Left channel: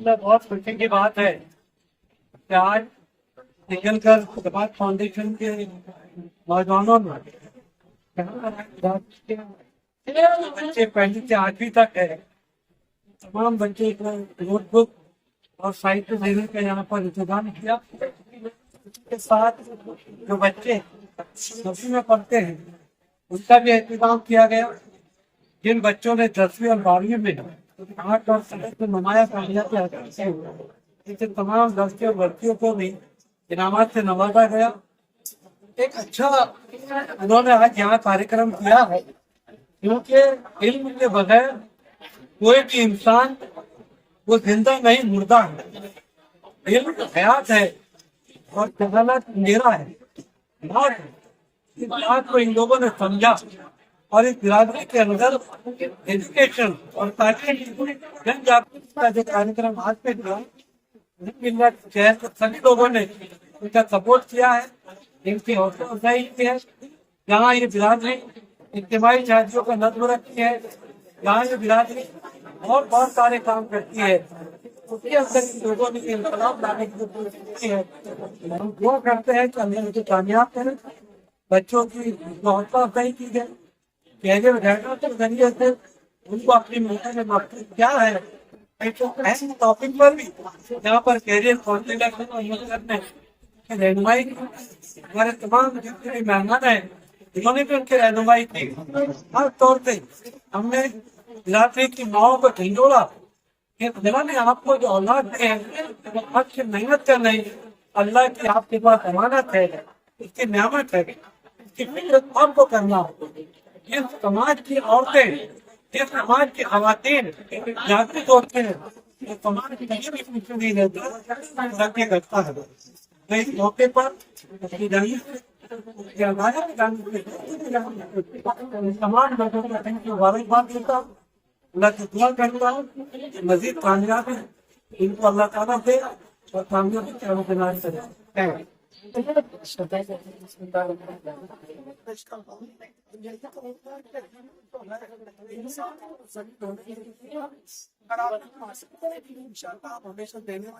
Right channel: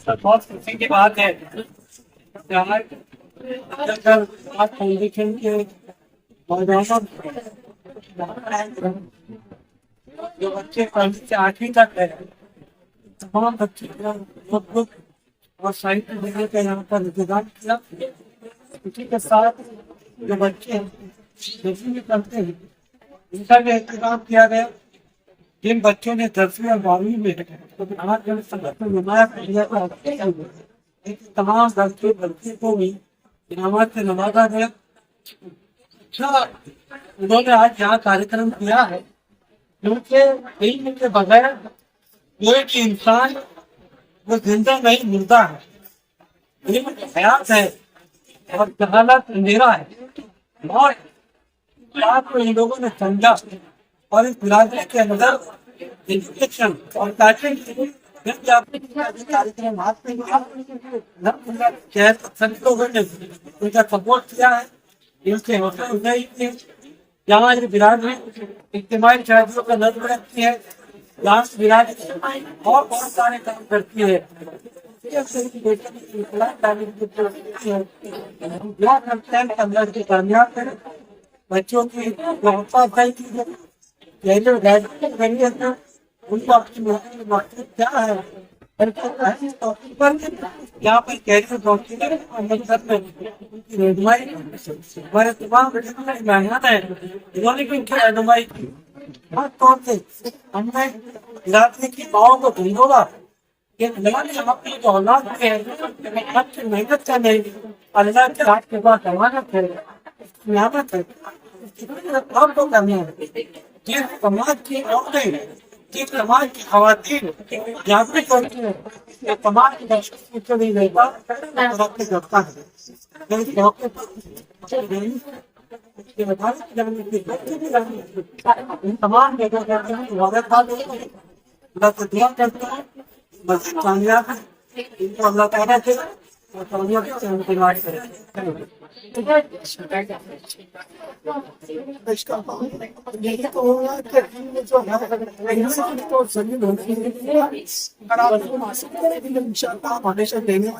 तो बहुत खुशी की बात है कि आज निकल कर जमात फाउंडेशन के नौजवानों ने जो बच्चे पहली से 8वीं तक है, तमाम बच्चे का नोटबुक और साहित्य देने का यहाँ पर इंतजाम किया। इसी के साथ जो बच्चे 10वीं में पढ़ते हैं उनका भी इंतजाम किया गया। जिन बच्चों ने 10वीं और 12वीं में 8 और 7 में नुमाया कामयाबी हासिल की, ऐसे तमाम लड़के और लड़कियों को भी इनामत से नवाजा गया। एक अच्छा उन्होंने आज यहाँ कार्यक्रम किया है, क्योंकि इल्म के बगैर कोई भी इंसान वो जिंदा नहीं मुर्दा है। इल्म हयात है और जहालत अंधेरा है, मौत है। इस बात को इन लोगों ने समझा और इस बिरादरी के अंदर एजुकेशन और तालीम जन जागृति का जो कार्यक्रम हाथ में लिया, सभी लोगों ने उनका सपोर्ट किया है, इनकी हौसला अफजाई की है। यहाँ ये बिरादरी इज्तिमाई शादियों का नज़्म रखती है, यहाँ ये बिरादरी और बहुत सारे काम करती है। उसके अंदर लोगों ने इंकलाब लाने की कोशिश की है। हम दुआ करते हैं कि अल्लाह इसको कामयाब करें, बच्चों की हौसला अफजाई की जाए, कैरियर गाइडेंस के जरिए से उनको अपनी मकसद क्या है ऐसे टॉपिक पर भी यहाँ पर कैरियर काउंसलर को अमल करने की रहनुमाई हमारे तमाम मेहमान है, इन्होंने भी उनकी रहनुमाई की। खास तौर से हमने बिरादरी की माओ को ढिंडोरा कि अल्लाह ने आपको जो औलाद दी है आपकी मेहनत का नहीं, अल्लाह की आपके पास अमानत है, इसकी नियामत है, इसकी फिक्र आपको करना है। जिस समाज की औरतें, जिस समाज की खवातीन जागरूक होते हैं, जो समाज की तरक्की पूछे नहीं रहता, तरक्की करता है। तो इस मौके पर अपनी तमाम लोगों का मुबारकबाद होता है, अल्लाह से दुआ करता है मजीद कामयाब है, इनको अल्लाह ताला से और कामयाबी से हमदनाज करें। यही तो होगा कि जो है इंसान तो जमीन होने अगर आप हासिल करेंगे तो इंशाअल्लाह आप हमेशा लेने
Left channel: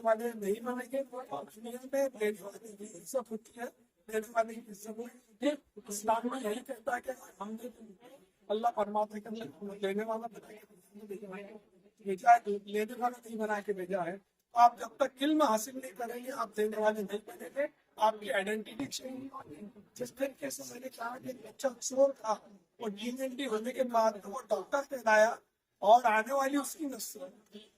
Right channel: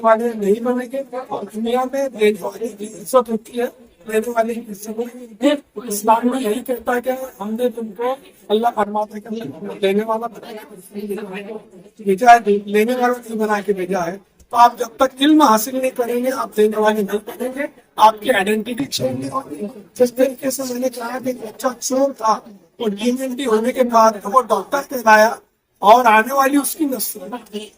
वाले नहीं बनेंगे और दुनिया में लेने वाले की इज्जत होती है, लेने वाले की इज्जत। इस्लाम में यही कहता है कि हमने तुमको अल्लाह फरमाता है कि लेने वाला भेजा है, लेने वाला नहीं बना के भेजा है। तो आप जब तक इल्म हासिल नहीं करेंगे आप देने वाले नहीं बनेंगे, आपकी आइडेंटिटी चेंज नहीं होगी। जिस तरीके से मैंने कहा कि बच्चा चोर था, वो डीएनटी होने के बाद वो डॉक्टर कहलाया और आने वाली उसकी नस्ल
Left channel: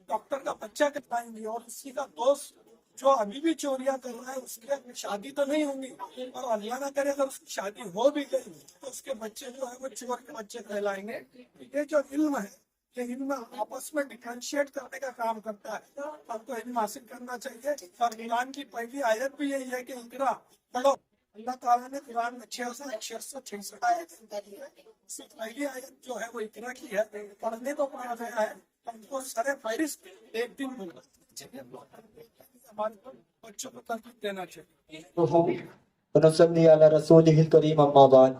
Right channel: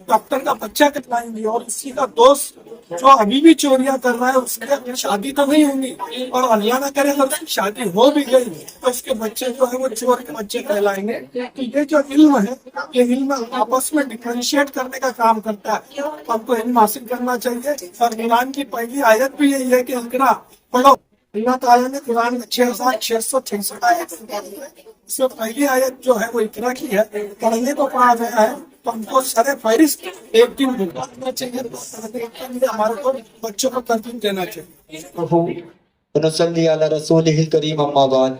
डॉक्टर का बच्चा कहलाएंगी, और उसी का दोस्त जो अभी भी चोरियां कर रहा है उसके शादी तो नहीं होंगी, और अल्लाह ना करे अगर उसकी शादी हो भी गई तो उसके बच्चे जो है वो चोर के बच्चे कहलाएंगे। तो ये जो इल्म है, ये इल्म आपस में डिफरेंशिएट करने का काम करता है। हमको इल्म हासिल करना चाहिए, और कुरान की पहली आयत भी यही है कि इकरा पढ़ो। अल्लाह ताला ने कुरान में 6666 आयत इसमें पहली आयत जो है वो इकरा की है, पढ़ने को कहा गया है। तो हमको सरे फहरिस्त एक दिन भुगतना चाहिए, हमारे को बच्चों को तरकीब देना चाहिए। नसल्ली अला रसूलिहिल करीम अम्मा बाद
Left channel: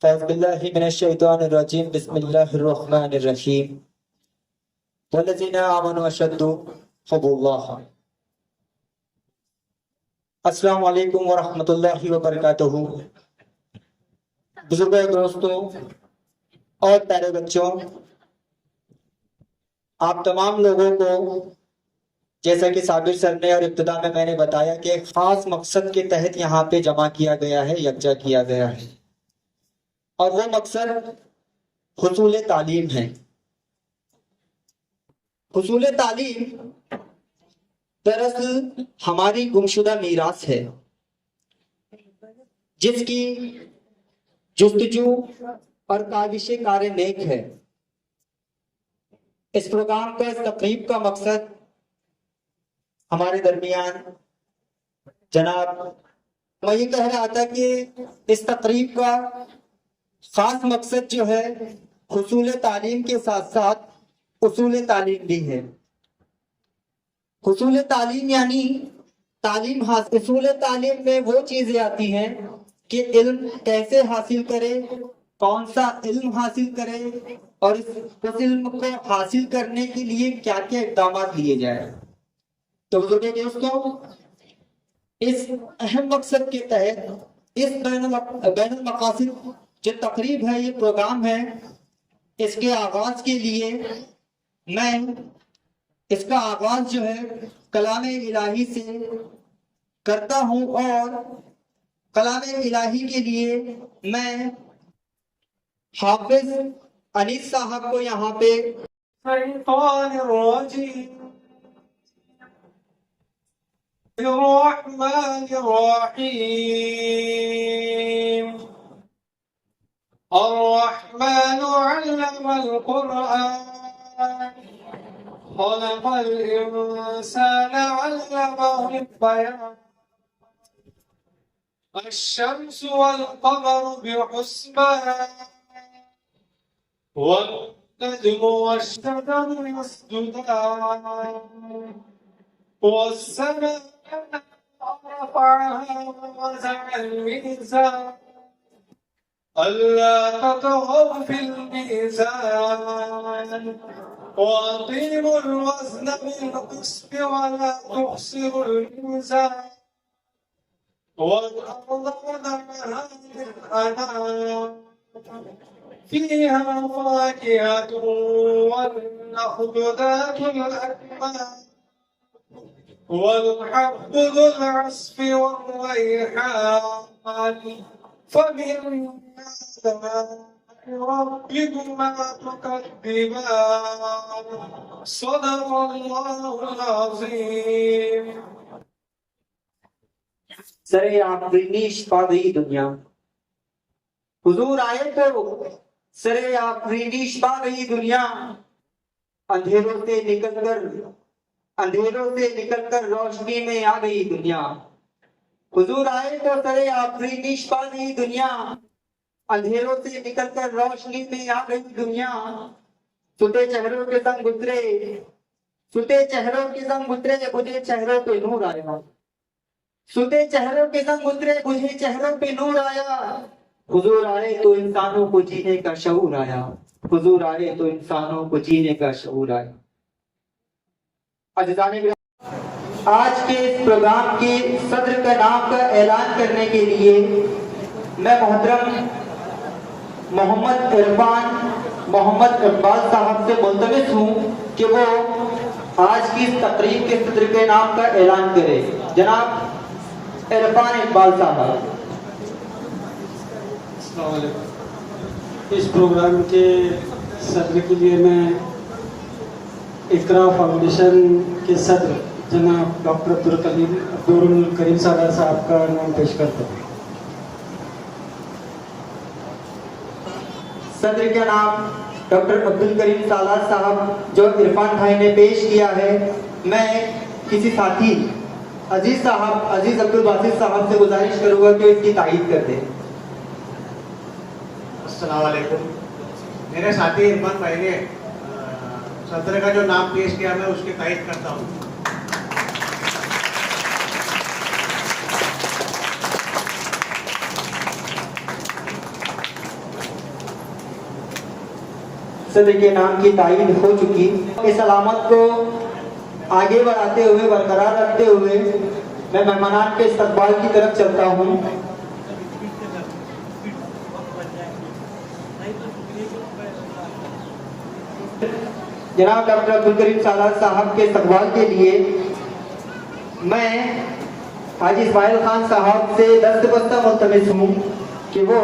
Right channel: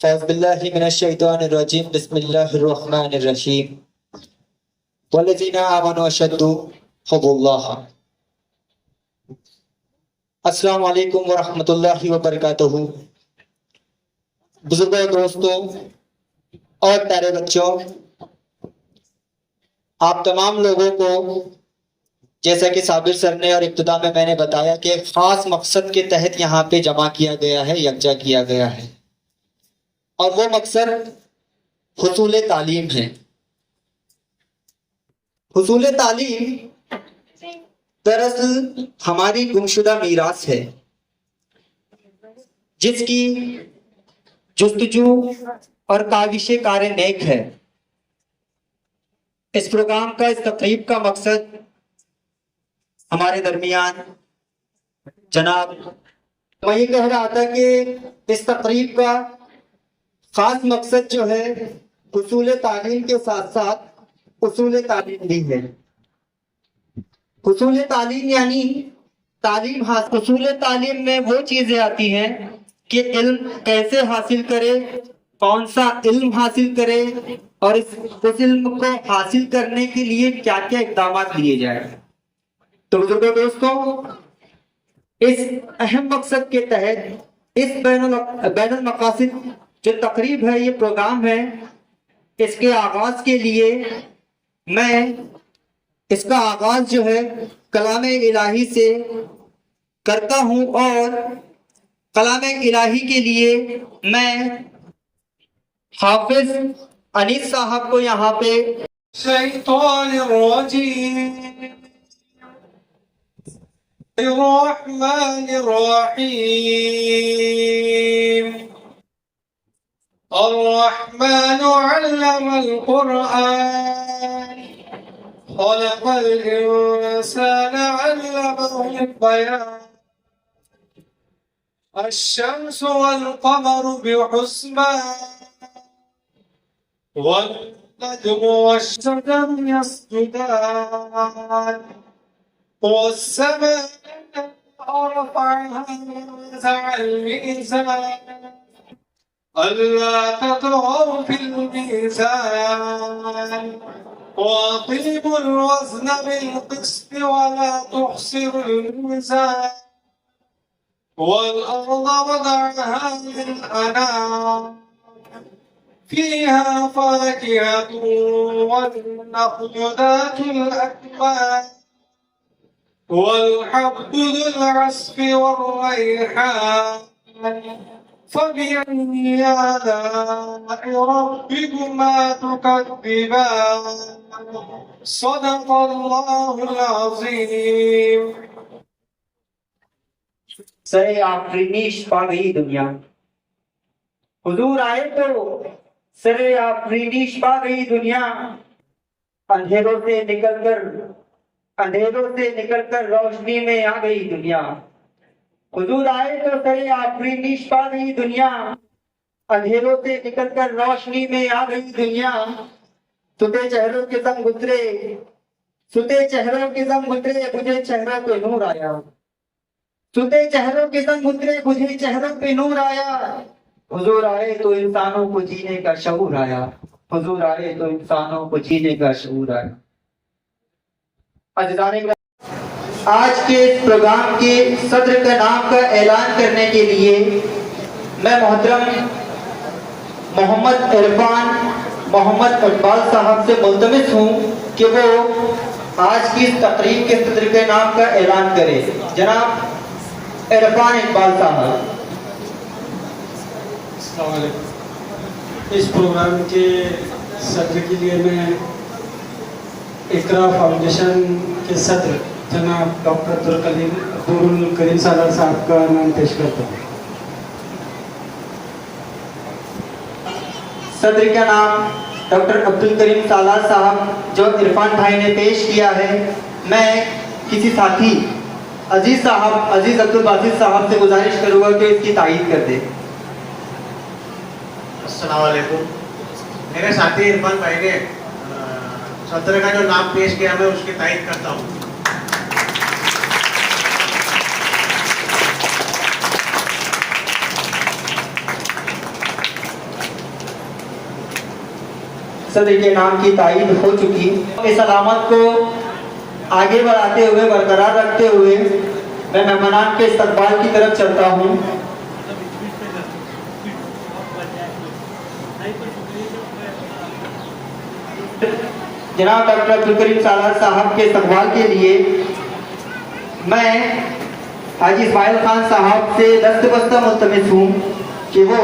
फ़ौज़ बिल्लाहि मिनश शैतानिर रजीम बिस्मिल्लाहिर रहमानिर रहीम वल्लज़ीना आमनु अशद्दु हुब्बुल्लाह। अस्सलामु अलैकुम व रहमतुल्लाहि व बरकातुहू। बुजुर्गों, दोस्तों और प्यारे बच्चों, आप तमाम लोगों को जैसा कि साबिर सर ने और इब्तिदा में मैंने बताया कि एक खास मकसद के तहत यहाँ पे जमा किया गया है, यकजा किया गया है, और वो मकसद हुसूल तालीम है। हुसूल तालीम दरअसल हमारी गुमशुदा मीरास है, जिसकी जुस्तजू और काविश कार नेक है। इस प्रोग्राम का, इस तकरीब का मकसद हमारे दरमियान जनाब, मैं ये कह रहा था कि इस तकरीब का खास मकसद जो है हुसूल तालीम के साथ साथ उसूल तालीम भी है। हुसूल तालीम यानी तालीम हासिल। हुसूल तालीम में वो चीजें आती हैं कि इल्म कैसे हासिल करे कौन सा इल्म हासिल करे और उस इल्म को हासिल करने के लिए क्या क्या इकदाम लिए जाए। तो बुजुर्गों दोस्तों, इस अहम मकसद के तहत इस बैनुल मकासिद जो तकरीब है, ये प्रोग्राम है, इसके आगाज के लिए मैं इसका आगाज जो है कलाम इलाही से करता हूं और कलाम इलाही के लिए मैं हाफिज अनीस साहब को यहाँ पे अर्रहमान अल्लमल कुरआन खलक़ल इंसान अल्लमहुल बयान अश-शम्सु वल क़मरु बिहुस्बान वन नज्मु वश-शजरु यस्जुदान वस-समा'a रफ़अहा ववज़अल मीज़ान अल्ला ततगौ फिल मीज़ान वअक़ीमुल वज़न बिल क़िस्त वला तुख़सिरुल मीज़ान वल-अर्ज़ वदअहा लिल-अनाम फ़ीहा फ़ाकिहतुन वन-नख़्लु ज़ातुल अकमाम वल-हब्बु ज़ुल-अस्फ़ि war-रैहान फ़बिअय्यि आला'i रब्बिकुमा तुकज़्ज़िबान सदक़ल्लाहुल अज़ीम। सरे आफरीनीश पा गई दुनिया। हुजूर आए तो सरे आफरीनीश पा गई दुनिया। अंधेरों से निकलकर रोशनी में आ गई दुनिया। हुजूर आए तो सरे आफरीनीश पा गई दुनिया। अंधेरों से निकलकर रोशनी में आ गई दुनिया। सुते चेहरों के संग गुजरे बुझे चेहरों पे नूर आया। सुते चेहरों के संग गुजरे बुझे चेहरों पे नूर आया। हुजूर आए तो इंसानों को जीने का शऊर आया। हुजूर आए तो इंसानों को जीने का शऊर आया। आज के इस प्रोग्राम के सदर का नाम का ऐलान करने के लिए मैं मोहतरम मोहम्मद इकबाल साहब से मुल्तमिस हूँ कि वो आज की इस तकरीब के सदर के नाम का ऐलान करे। जनाब इरफान इकबाल साहब। अस्सलाम वालेकुम। इस प्रोग्राम के सदर के लिए मैं इकरा फाउंडेशन के सदर जनाब डॉक्टर अब्दुल करीम सालार साहब का नाम पेश करता हूँ। सदर का नाम डॉक्टर अब्दुल करीम सालार साहब जो इरफान भाई ने पेश किया है, मैं किसी साथी अजीज अब्दुल बासित साहब से गुजारिश करूँगा कि इसकी तायीद कर दे। अस्सलाम वालेकुम। मेरे साथी इरफान भाई ने सदर का जो नाम पेश किया, मैं उसकी तायीद करता हूँ। सदर के नाम की तायीद हो चुकी। इस सलामत को आगे बढ़ाते हुए, बरकरार रखते हुए मैं मेहमानान के इस्तकबाल की तरफ चलता हूँ। जनाब डॉक्टर अब्दुल करीम सालार साहब के इस्तकबाल के लिए मैं हाजी इस्माइल खान साहब से दस्तबस्ता मुल्तमिस हूँ कि वो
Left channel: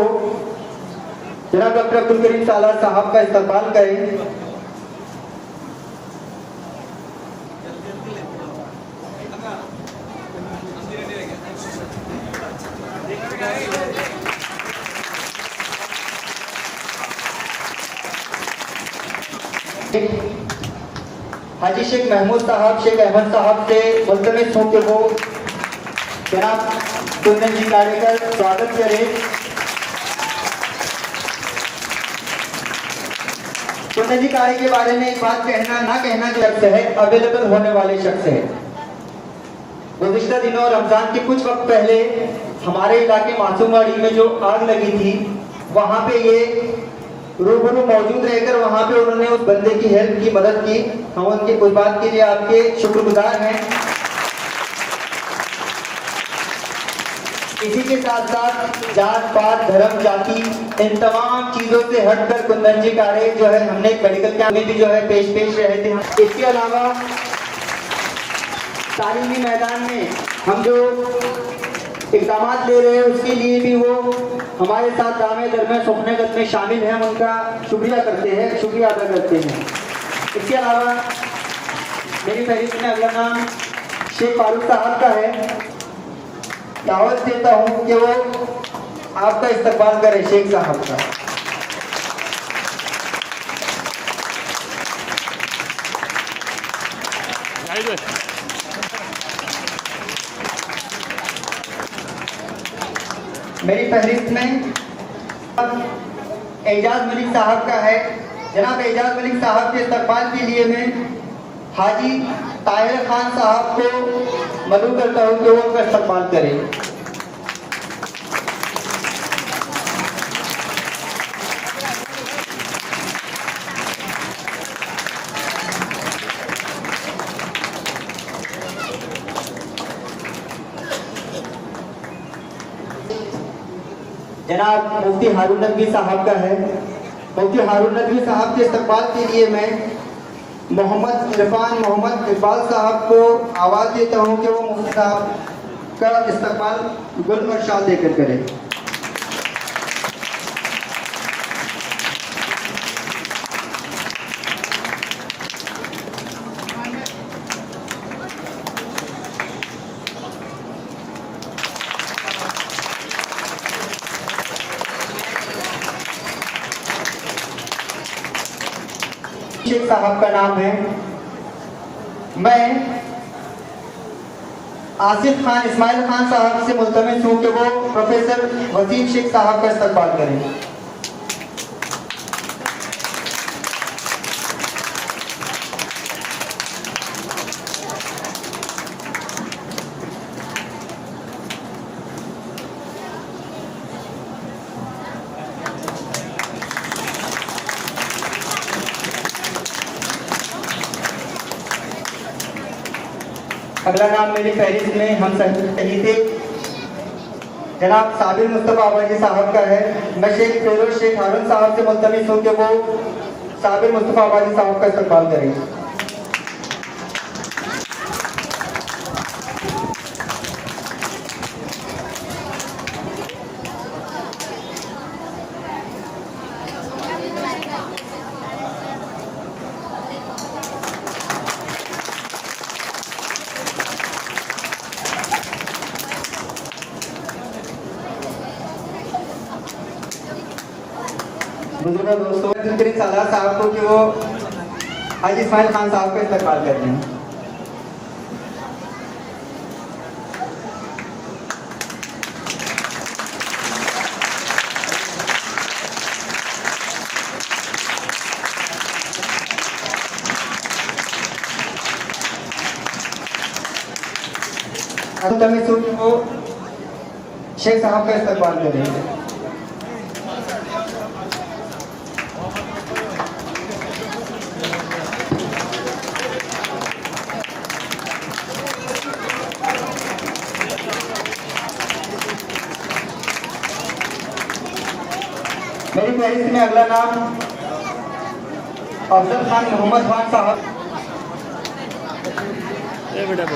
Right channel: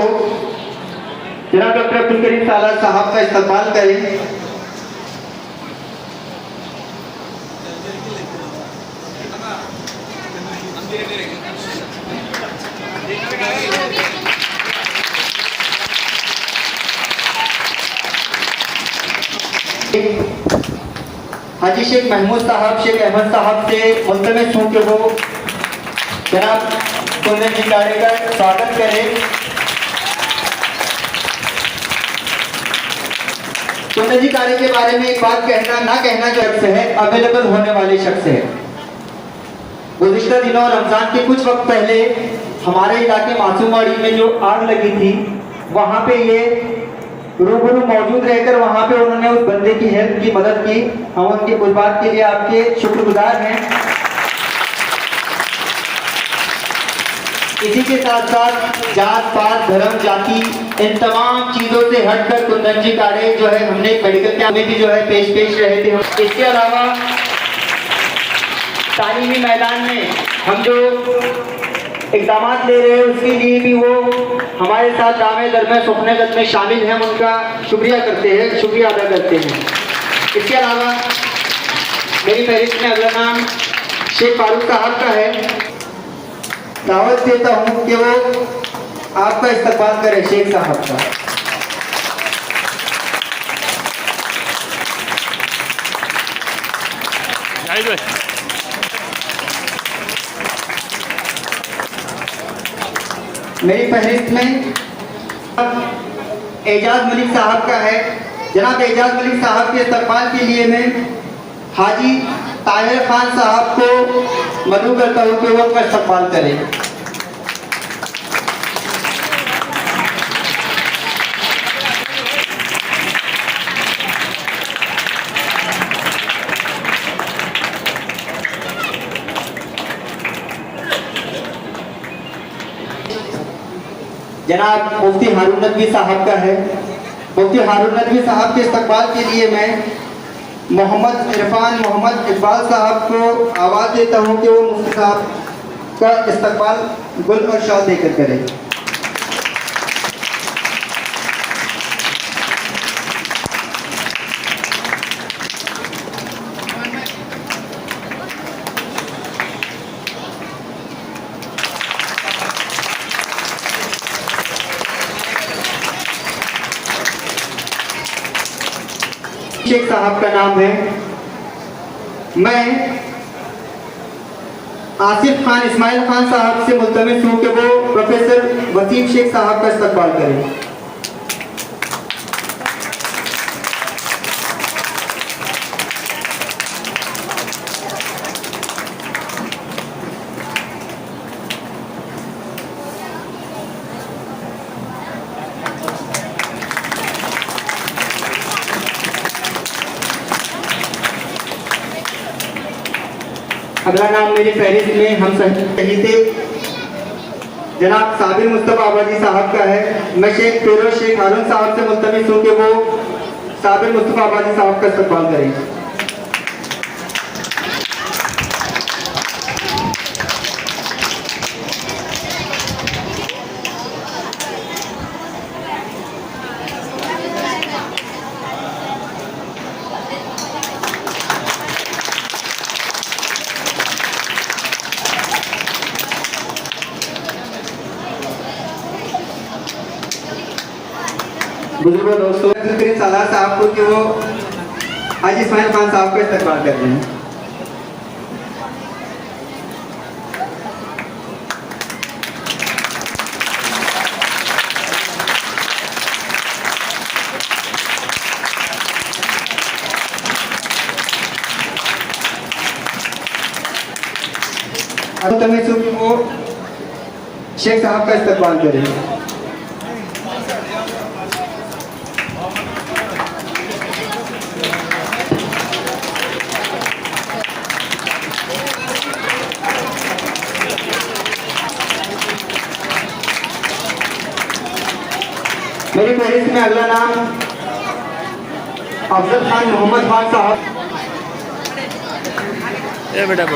जनाब डॉक्टर अब्दुल करीम सालार साहब का इस्तकबाल करें। हाजी शेख महमूद साहब, शेख अहमद साहब से मुल्तमिस हूँ कि वो जनाब तुमने निकाले का स्वागत करें। जी कार्य के बारे में एक बात कहना ना कहना शख्स है, अवेलेबल होने वाले शख्स है। गुज़िश्ता दिनों रमजान के कुछ वक्त पहले हमारे इलाके मासूमवाड़ी में जो आग लगी थी, वहां पे ये रूबरू मौजूद रहकर वहां पे उन्होंने उस बंदे की हेल्प की, मदद की। हम उनके उस बात के लिए आपके शुक्रगुजार हैं। इसी के साथ साथ जात पात धर्म जाति इन तमाम चीजों से हटकर कुंदन जी कारे जो है हमने मेडिकल कैंप में भी जो है पेश रहे थे। इसके अलावा तालीमी मैदान में हम जो इकदाम ले रहे हैं उसके लिए भी वो हमारे साथ जामे दरमियान सुखनेगत में शामिल हैं, उनका शुक्रिया अदा करते हैं। इसके अलावा मेरी फहरिस्त में अगला नाम शेख फारूक साहब का है। दावत देता हूं कि वो आपका इस्तकबाल करें शेख साहब का। मेरी फहरिस्त में एजाज मलिक साहब का है। जनाब एजाज मलिक साहब के इस्तकबाल के लिए मैं हाजी ताहिर खान साहब को मदऊ करता हूँ कि वो अपना इस्तकबाल करें। जनाब मुफ्ती हारून नदवी साहब का है। मुफ्ती हारून नदवी साहब के इस्तकबाल के लिए मैं मोहम्मद इरफान मोहम्मद इकबाल साहब को आवाज़ देता हूं कि वो मुफ्ती साहब का इस्तकबाल गुल और शाल देकर करें। शेख साहब का नाम है। मैं आसिफ खान इस्माइल खान साहब से मुल्तमिस हूँ कि वो प्रोफेसर वसीम शेख साहब का इस्तकबाल करें। अगला नाम मेरी फहरिस्त में हम शहीद जनाब साबिर मुस्तफा आबादी साहब का है। मैं शेख फिरोज शेख हारून साहब से मुल्तमिस हूँ कि वो साबिर मुस्तफा आबादी साहब का इस्तकबाल करें। बुजुर्गों दोस्तों सालार साहब को कि वो हाजी इस्माइल खान साहब का इस्तकबाल कर रहे हैं। वो शेख साहब का इस्तकबाल करें। मेरी फहरिस्त में अगला नाम अफजल खान मोहम्मद खान साहब। बेटा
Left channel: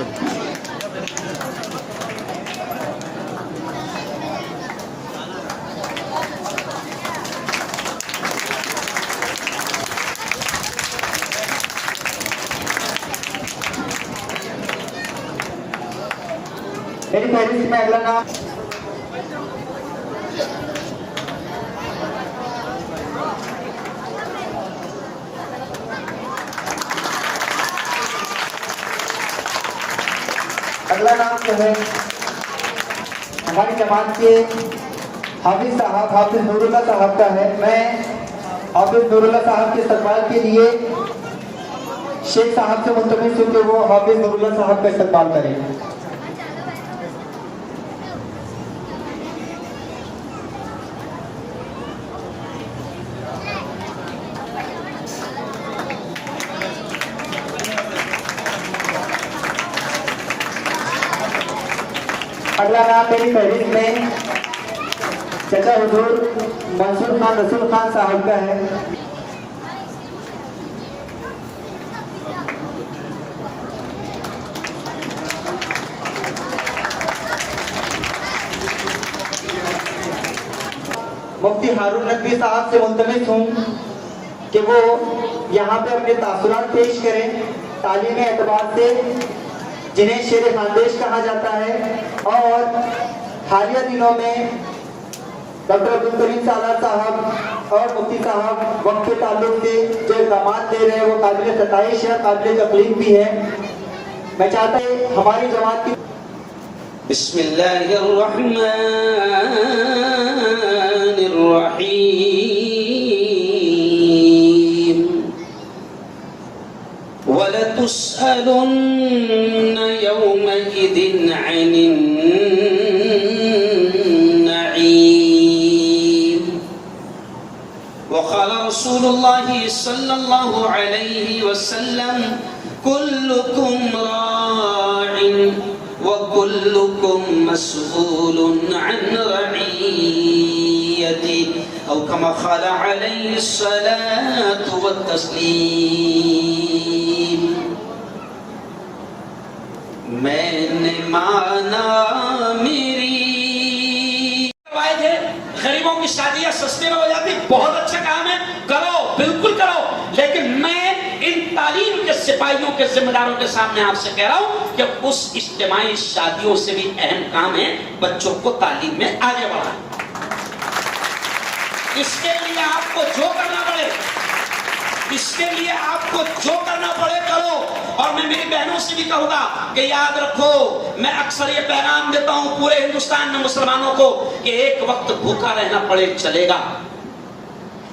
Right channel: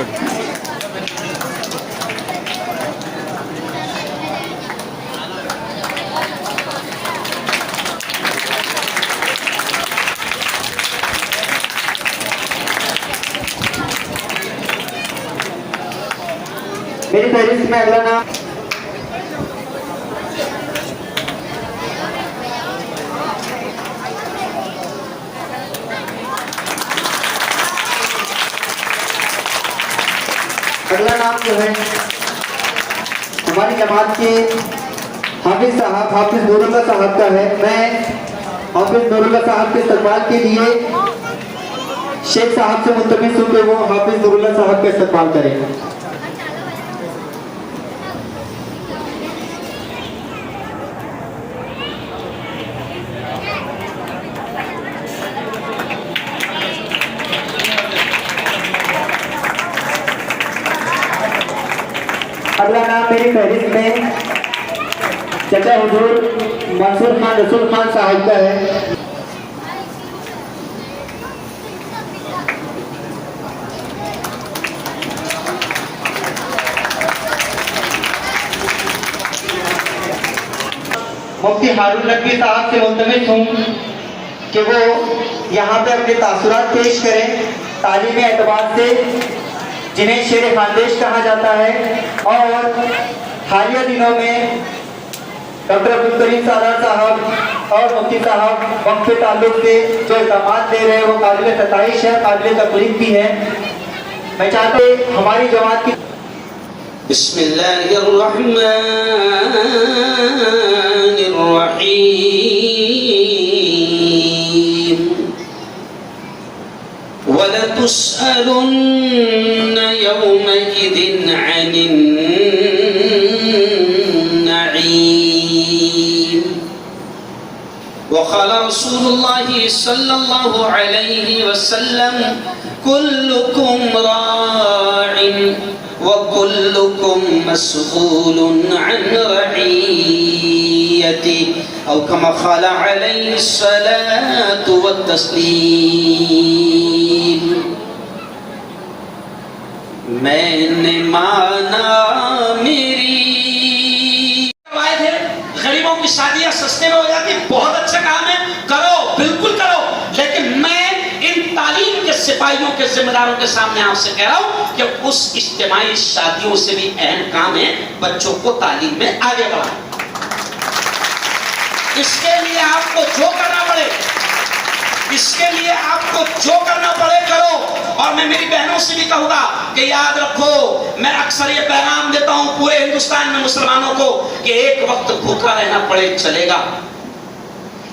मेरी फहरिस्त में अगला नाम जो है हमारी जमात के हाफिज साहब हाफिज नूरुल्लाह साहब का है। मैं हाफिज नूरुल्लाह साहब के इस्तकबाल के लिए शेख साहब से मुल्तमिस हूं कि वो हाफिज नूरुल्लाह साहब का इस्तकबाल करें। मंसूर खान रसूल खान साहब का है। मुफ्ती हारून नकवी साहब से मुल्तमिस हूँ कि वो यहाँ पे अपने तासुरात पेश करें तालीमी एतबार से, जिन्हें शेर खानदेश कहा जाता है। और हालिया दिनों में डॉक्टर अब्दुल करीम सालार साहब और मुफ्ती साहब वक्त के ताल्लुक से जो इक़दामात दे रहे हैं वो काबिल सताइश है, काबिल तकलीफ भी है। मैं चाहता हूँ हमारी जमात की वलतुस्अलुन्न यौमइदिन अनिन नईम। वक़ाल रसूलुल्लाहि सल्लल्लाहु अलैहि वसल्लम कुल्लुकुम राइन व कुल्लुकुम मस्ऊलुन अन रईयति औ कमा क़ाल अलैहि सलातु व तस्लीम। मैंने माना मेरी आए थे, गरीबों की शादियां सस्ते में हो जाती, बहुत अच्छा काम है, करो, बिल्कुल करो। लेकिन मैं इन तालीम के सिपाहियों के जिम्मेदारों के सामने आपसे कह रहा हूं कि उस इज्तिमाई शादियों से भी अहम काम है बच्चों को तालीम में आगे बढ़ाना। इसके लिए आपको जो करना पड़े, इसके लिए आपको जो करना पड़े करो। और मैं मेरी बहनों से भी कहूंगा कि याद रखो, मैं अक्सर ये पैगाम देता हूं पूरे हिंदुस्तान में मुसलमानों को कि एक वक्त भूखा रहना पड़े चलेगा,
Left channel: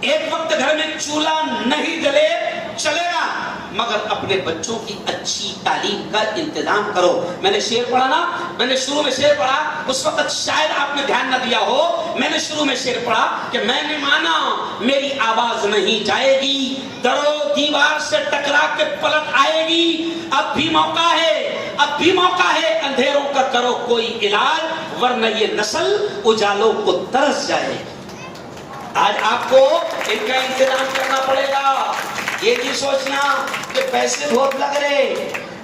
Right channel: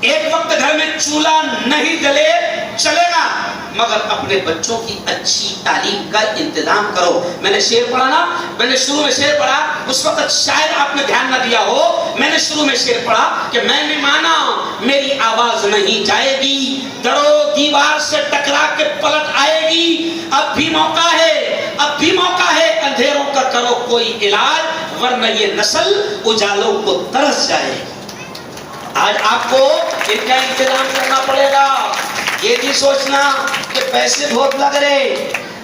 एक वक्त घर में चूल्हा नहीं जले चलेगा, मगर अपने बच्चों की अच्छी तालीम का इंतजाम करो। मैंने शेर पढ़ा ना, मैंने शुरू में शेर पढ़ा, उस वक्त शायद आपने ध्यान न दिया हो। मैंने शुरू में शेर पढ़ा कि मैंने माना मेरी आवाज नहीं जाएगी, दरो दीवार से टकरा के पलट आएगी। अब भी मौका है, अब भी मौका है, अंधेरों का करो कोई इलाज, वरना ये नस्ल उजालों को तरस जाएगी। आज आपको इनका इंतजाम करना पड़ेगा। ये नहीं सोचना कि पैसे बहुत लग रहे,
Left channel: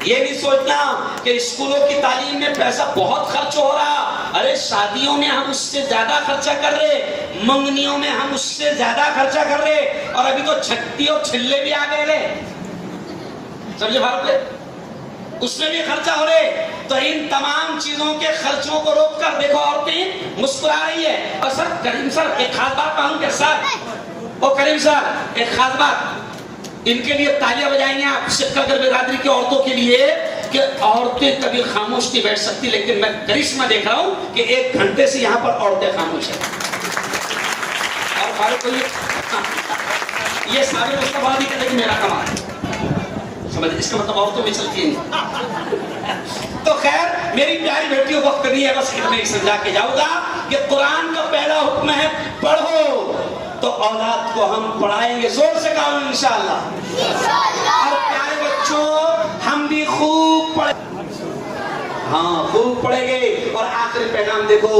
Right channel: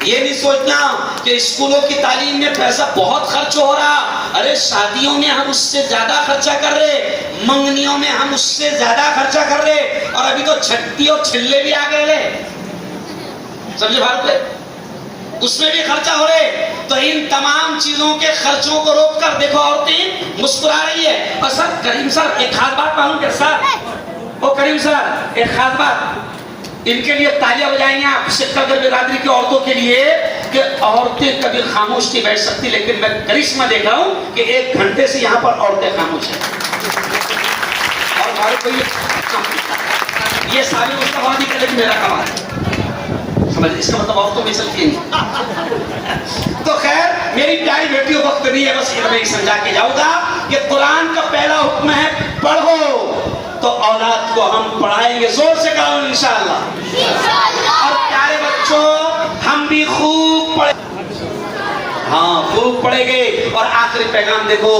ये नहीं सोचना कि स्कूलों की तालीम में पैसा बहुत खर्च हो रहा। अरे शादियों में हम उससे ज्यादा खर्चा कर रहे, मंगनियों में हम उससे ज्यादा खर्चा कर रहे, और अभी तो छट्टी और छिल्ले भी आ गए, समझे भारत में, उसमें भी खर्चा हो रहे। तो इन तमाम चीजों के खर्चों को रोक कर देखो औरतें मुस्कुरा रही है। और सर करीम सर एक खास बात मालूम क्या सर, ओ करीम सर एक खास बात, इनके लिए तालियां बजाएंगे आप शिक्षक बिरादरी की औरतों के लिए कि औरतें कभी खामोश नहीं बैठ सकती, लेकिन मैं करिश्मा देख रहा हूं कि 1 घंटे से यहाँ पर औरतें खामोश हैं। और हमारे को ये साबित उसका बात ही करें मेरा कमाल, समझ, इसका मतलब औरतों में चलती नहीं। तो खैर मेरी प्यारी बेटियों वक्त नहीं है, बस मैं समझा के जाऊंगा कि कुरान का पहला हुक्म है पढ़ो, तो औलाद को हम पढ़ाएंगे, जोर से कहो इंशाअल्लाह। और प्यारे बच्चों हम भी खूब पढ़े, हाँ खूब पढ़ेंगे। और आखिरी पैगाम देखो,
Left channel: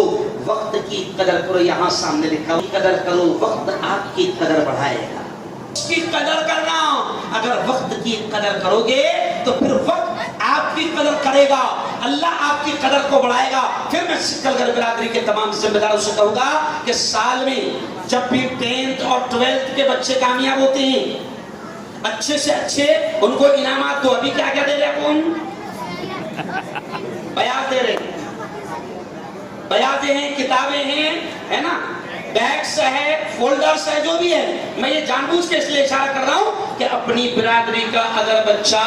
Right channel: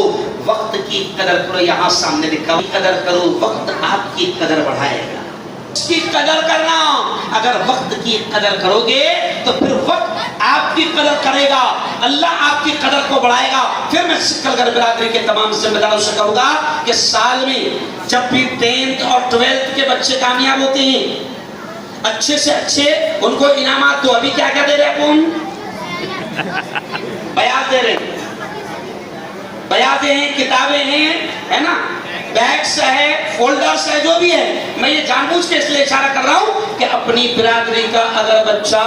वक्त की कदर करो, यहाँ सामने लिखा कदर करो, वक्त आपकी कदर बढ़ाएगा। उसकी कदर करना, अगर वक्त की कदर करोगे तो फिर वक्त आपकी कदर करेगा, अल्लाह आपकी कदर को बढ़ाएगा। फिर मैं सिकलगर बिरादरी के तमाम जिम्मेदारों से कहूंगा कि साल में जब भी 10th और 12th के बच्चे कामयाब होते हैं, अच्छे से अच्छे उनको इनामात दो। अभी क्या क्या दे रहे कौन बयान दे रहे, बयाते हैं, किताबें हैं, है ना, बैग्स है, फोल्डर्स है, जो भी है। मैं ये जानबूझ के इसलिए इशारा कर रहा हूं कि अपनी बिरादरी का अगर बच्चा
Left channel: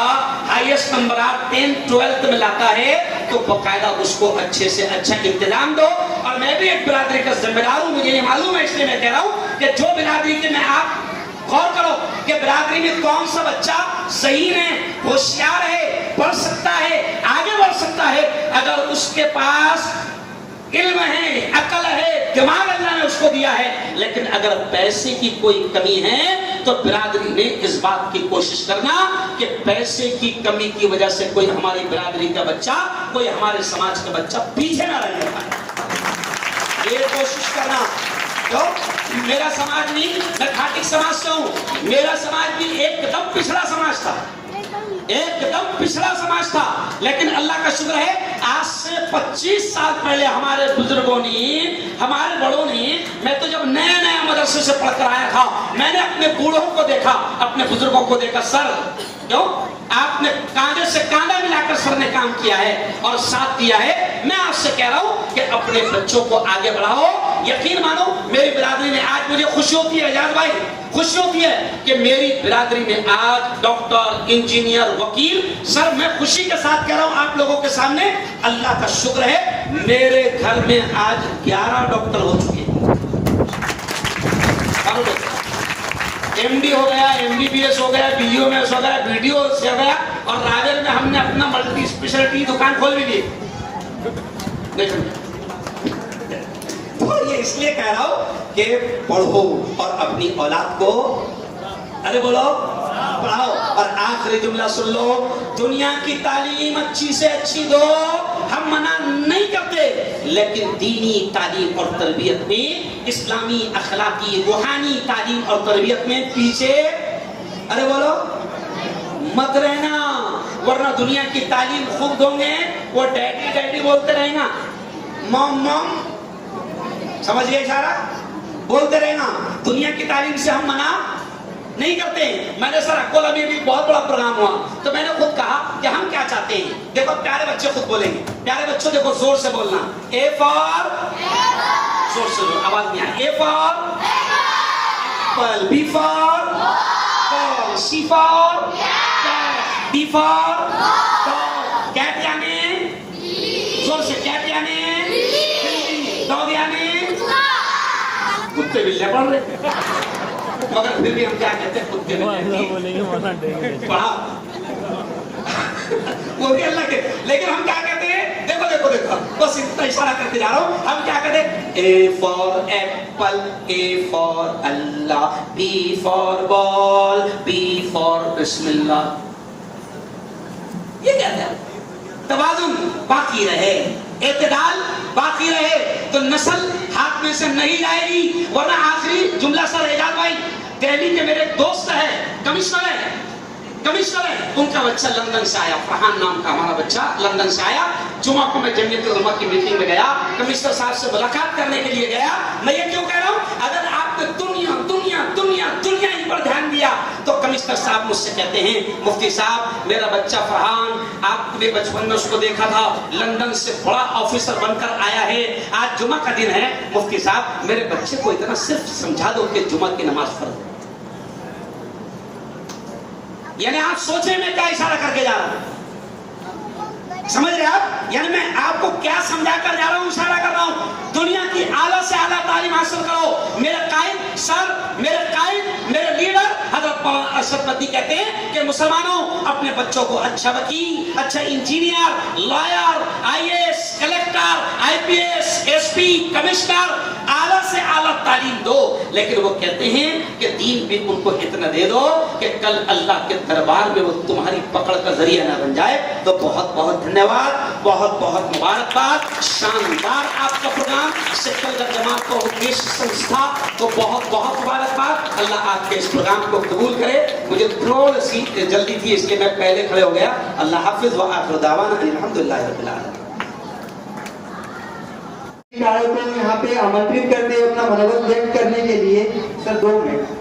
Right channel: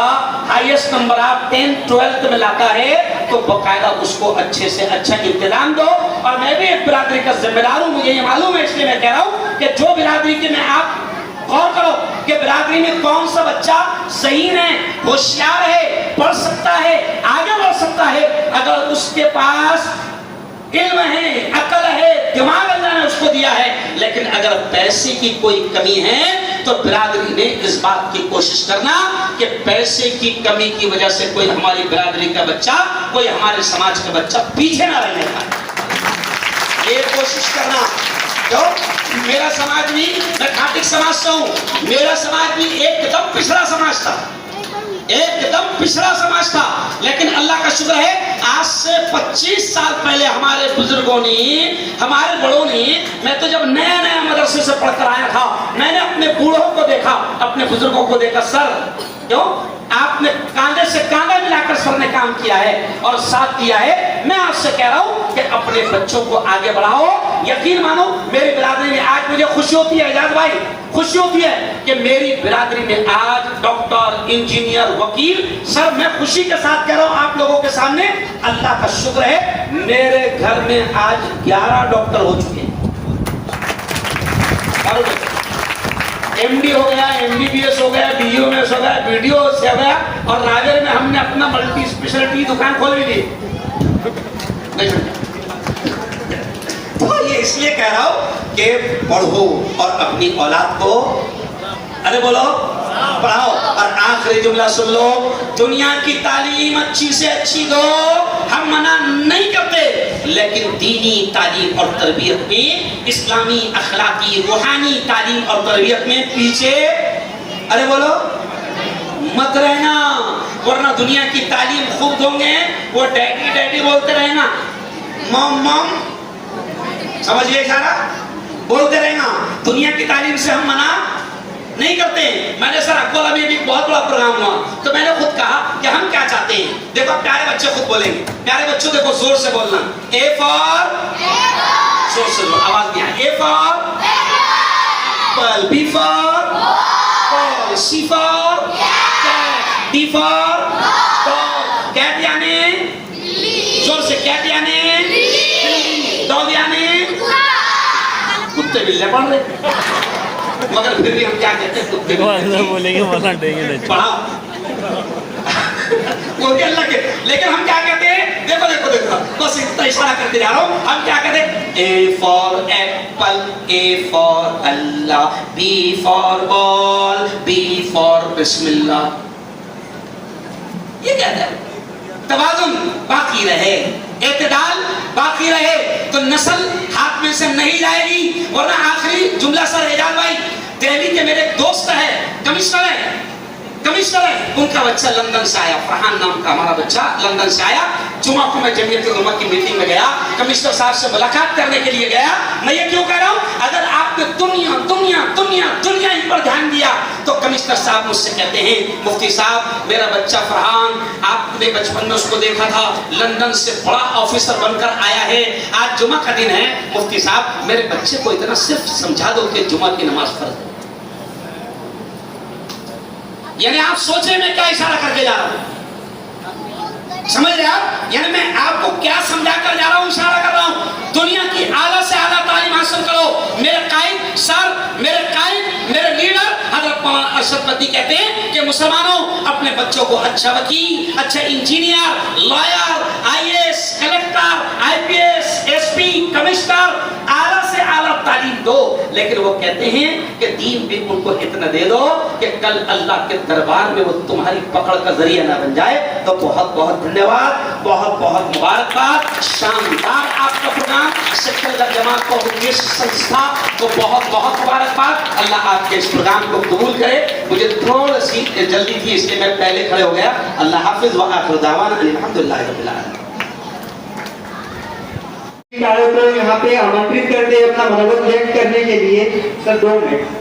हाईएस्ट नंबर आप 10th 12th में लाता है तो बकायदा उसको अच्छे से अच्छा इंतजाम दो। और मैं भी एक बिरादरी का जिम्मेदार हूं, मुझे ये मालूम है, इसलिए मैं कह रहा हूं कि जो बिरादरी के में आप गौर करो कि बिरादरी में कौन सा बच्चा सही है, होशियार है, पढ़ सकता है, आगे बढ़ सकता है, अगर उसके पास इल्म है, अकल है, दिमाग अल्लाह ने उसको दिया है, लेकिन अगर पैसे की कोई कमी है तो बिरादरी ने इस बात की कोशिश करना कि पैसे की कमी की वजह से कोई हमारी बिरादरी का बच्चा, कोई हमारे समाज का बच्चा पीछे ना रहने पाए, ये कोशिश करना। क्यों? मेरा समाज भी, मैं खाटिक समाज से हूँ, मेरा समाज भी एकदम पिछड़ा समाज था, एकदम पिछड़ा समाज था। लेकिन अल्लाह का शुक्र है, आज से 25 साल पहले हमारे बुजुर्गों ने, हमारे बड़ों ने, मैं तो जब नया नया मदरसे से पढ़कर आया था, मैंने अपने बूढ़ों को देखा, अपने बुजुर्गों को देखा, सर क्यों आपने कांधे से कांधा मिलाकर सर ने काम किया है और साथ दिया है। मैं आपसे कह रहा हूं कि अपने बच्चों को आगे बढ़ाओ। यकीन मानो, मेरी बिरादरी में आज मुझे खुशी होती है, एजाज भाई, खुशी होती है कि मेरी बिरादरी में आज डॉक्टर, इंजीनियर, वकील, सर मैं खुशी के साथ कह रहा हूं आप लोगों के सामने, अल्लाह का शुक्र है, मेरे घर में आज 11 डॉक्टर हो चुके हैं। एमडी हो गया, एमबीबीएस हो गया, बीओएमएस हो गया, बीडीओएस हो गया, और रावेर में हमने अपना मल्टी स्पेशलिटी दुकान खोल भी दी। तो ये इसलिए कह रहा हूं कि पढ़ो और अपनी औलाद को, अरे बोलो, पढ़ाओ। और आखिरी जुमला सुन लो, दुनिया की तालीम अच्छी से अच्छी दो, हम मना नहीं करते, लेकिन दीनी तालीम और तरबियत में, इस्लामी अखलाकी रूहानी तालीम और तरबियत में पीछे, अरे बोलो, मत रहना, वरना दुनिया की तालीम खूब दोगे, वो डैडी डैडी बोलते रहना, मॉम मॉम, समझिए इशारा, बोलते रहना। दुनिया की तालीम से हम मना नहीं करते। मैंने सर अकोला में भी बहुत बड़ा प्रोग्राम हुआ, तो मैंने खुद कहा कि हम क्या चाहते हैं। देखो प्यारे बच्चे खुद बोलेंगे, प्यारे बच्चों देखो जोर से बोलना, ए फॉर, जोर से बोलो, आवाज नहीं आए, A for apple, B for ball, C for cat, D for dog, cat यानी जोर से, कैट यानी डॉग यानी कुत्ते बिल्ले पढ़ रहे, मगर फिर भी हम क्या कहते हैं, कुत्ते बोलेंगे मना देंगे पढ़ा वो भी अल्लाह के, लेकिन हम क्या कहते हैं, देखो देखो देखो, बस इतना इशारा करते जा रहा हूं, हम क्या कहते हैं, A for apple, A for Allah, B for ball, B for बिस्मिल्लाह, ये कहते हैं। तवाजुन बाकी रहे, इत्तेदाल बाकी रहे, तो नस्ल हाथ में से नहीं जाएगी। वरना आखिरी जुमला सर एजाज भाई, दिल्ली के मेरे दोस्त है, कमिश्नर है, उनका बच्चा लंदन से आया, फरहान नाम का हमारा बच्चा लंदन से आया। जुमा को मैं जमीयत उलमा की मीटिंग में गया, कमिश्नर साहब से मुलाकात करने के लिए गया। मैं ये क्यों कह रहा हूं, अगर आपने दुनिया दुनिया दुनिया दुनिया इन पर ध्यान दिया, तो कमिश्नर साहब मुझसे कहते हैं, मुफ्ती साहब मेरा बच्चा फरहान, आपने बचपन में उसको देखा था, लंदन से बड़ा ऑफिसर बनकर आया है, आज जुमा का दिन है, मुफ्ती साहब मेरे बच्चे को इतना सिर्फ समझा दो कि जुमा की नमाज फर्ज है। यानी आप सोचे मैं क्या इशारा करके जा रहा हूं, समझ रहे आप? यानी मैं आपको क्या समझा कर जा रहा हूं, इशारा कर रहा हूं, दुनिया की आला से आला तालीम हासिल करो। मेरे कायद सर, मेरे लीडर हज़रत मौलाना अरशद मदनी कहते हैं कि मुसलमानों अपने बच्चों को अच्छा वकील, अच्छा engineer, lawyer, IAS, collector, IPS, SP, commissioner, आला से आला तालीम दो। लेकिन वो कहते हैं कि दीन भी उनको इतना दे दो कि कल अल्लाह के दरबार में वो तुम्हारी पकड़ का जरिया ना बन जाए। तो बहुत बहुत धन्यवाद, बहुत बहुत मुबारकबाद, शानदार आपका प्रोग्राम, सेक्टर जमात को उद्देश्य संस्था को बहुत बहुत मुबारकबाद। अल्लाह आपके इस प्रोग्राम को कबूल करे। मुझे थोड़ी सी जल्दी थी, इसलिए मैं पहले खड़े हो गया। अल्लाह हाफिज व आखिर दावाना अल्हम्दुलिल्लाह रब्बिल आलमीन। को यहाँ पे आमंत्रित करते हैं अपना मनोबल व्यक्त करने के लिए। सर 2 मिनट।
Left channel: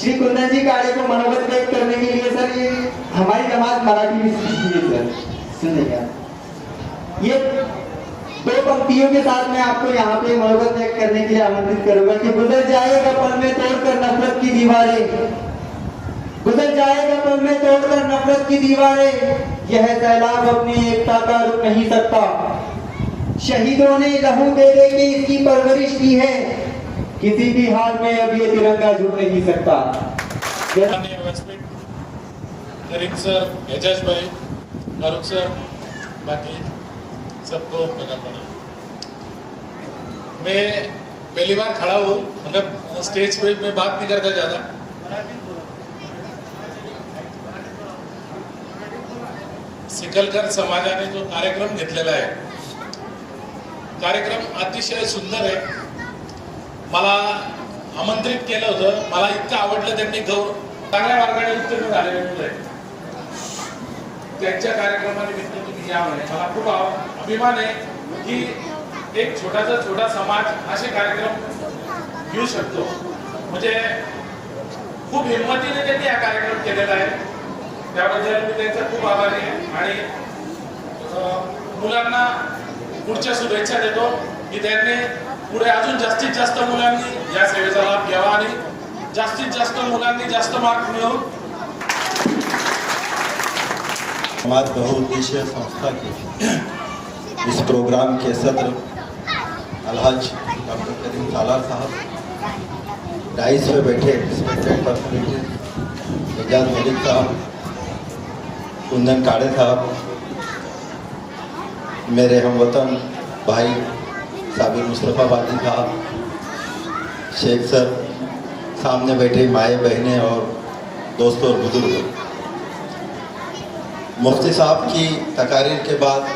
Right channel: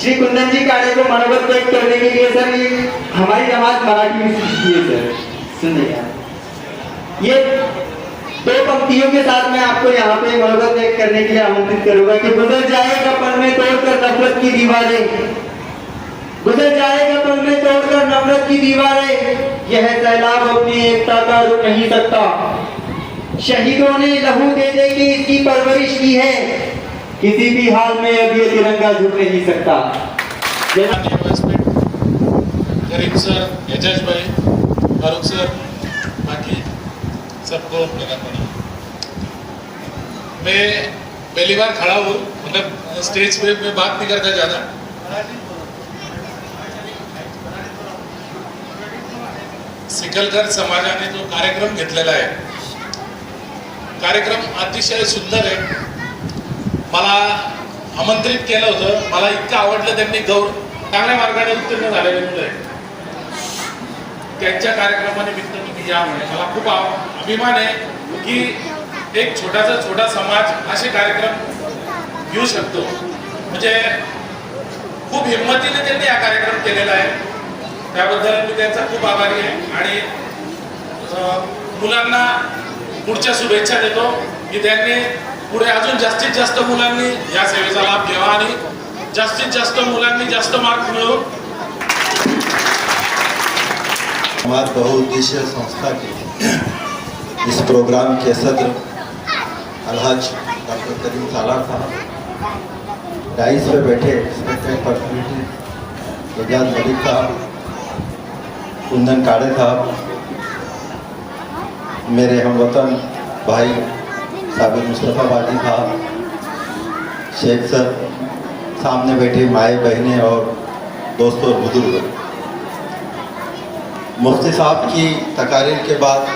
श्री कुंदन जी काले को मनोबल व्यक्त करने के लिए सर, ये हमारी नमाज मराठी में सीखी है सर, सुनिए आप। ये 2 पंक्तियों के साथ मैं आपको यहाँ पे मनोबल व्यक्त करने के लिए आमंत्रित करूंगा कि गुजर जाएगा पल में तोड़कर नफरत की दीवारें, गुजर जाएगा पल में तोड़कर नफरत की दीवारें, यह सैलाब अपनी एकता का रुक नहीं सकता। शहीदों ने लहू दे दे के इसकी परवरिश की है, किसी भी हाल में अब ये तिरंगा झुक नहीं सकता। करीम सर, एजाज भाई, फारूक सर, बाकी सबको मेरा प्रणाम। मैं पहली बार खड़ा हूँ, मतलब स्टेज पे मैं बात नहीं करता ज्यादा। सिकलकर समाजाने जो कार्यक्रम घेतलेला आहे कार्यक्रम अतिशय सुंदर आहे. मला आमंत्रित केलं होतं. मला इतकं आवडलं. त्यांनी चांगल्या मार्गाने उत्तीर्ण झालेले मुलं आहे. त्यांच्या कार्यक्रमानिमित्त तुम्ही या म्हणे. मला खूप अभिमान आहे की एक छोटा समाज असे कार्यक्रम घेऊ शकतो. म्हणजे खूप हिंमतीने त्यांनी हा कार्यक्रम केलेला आहे. त्याबद्दल मी त्यांचा खूप आभारी आहे आणि मुलांना पुढच्या शुभेच्छा देतो की त्यांनी पुढे अजून जास्तीत जास्त मुलांनी या सेवेचा लाभ घ्यावा आणि जास्तीत जास्त मुलांनी जास्त मार्क मिळवून समाज बहुउद्देशीय संस्था के इस प्रोग्राम के सदर अलहज डॉक्टर करीम सालार साहब, डाइस पे बैठे रिस्पेक्टेड पर्सनैलिटी एजाज मलिक साहब, कुंदन काड़े साहब, मेरे हमवतन भाई साबिर मुस्तफ़ा बाजी साहब, शेख सर, सामने बैठे माए बहनें और दोस्तों और बुजुर्ग, मुफ्ती साहब की तकारीर के बाद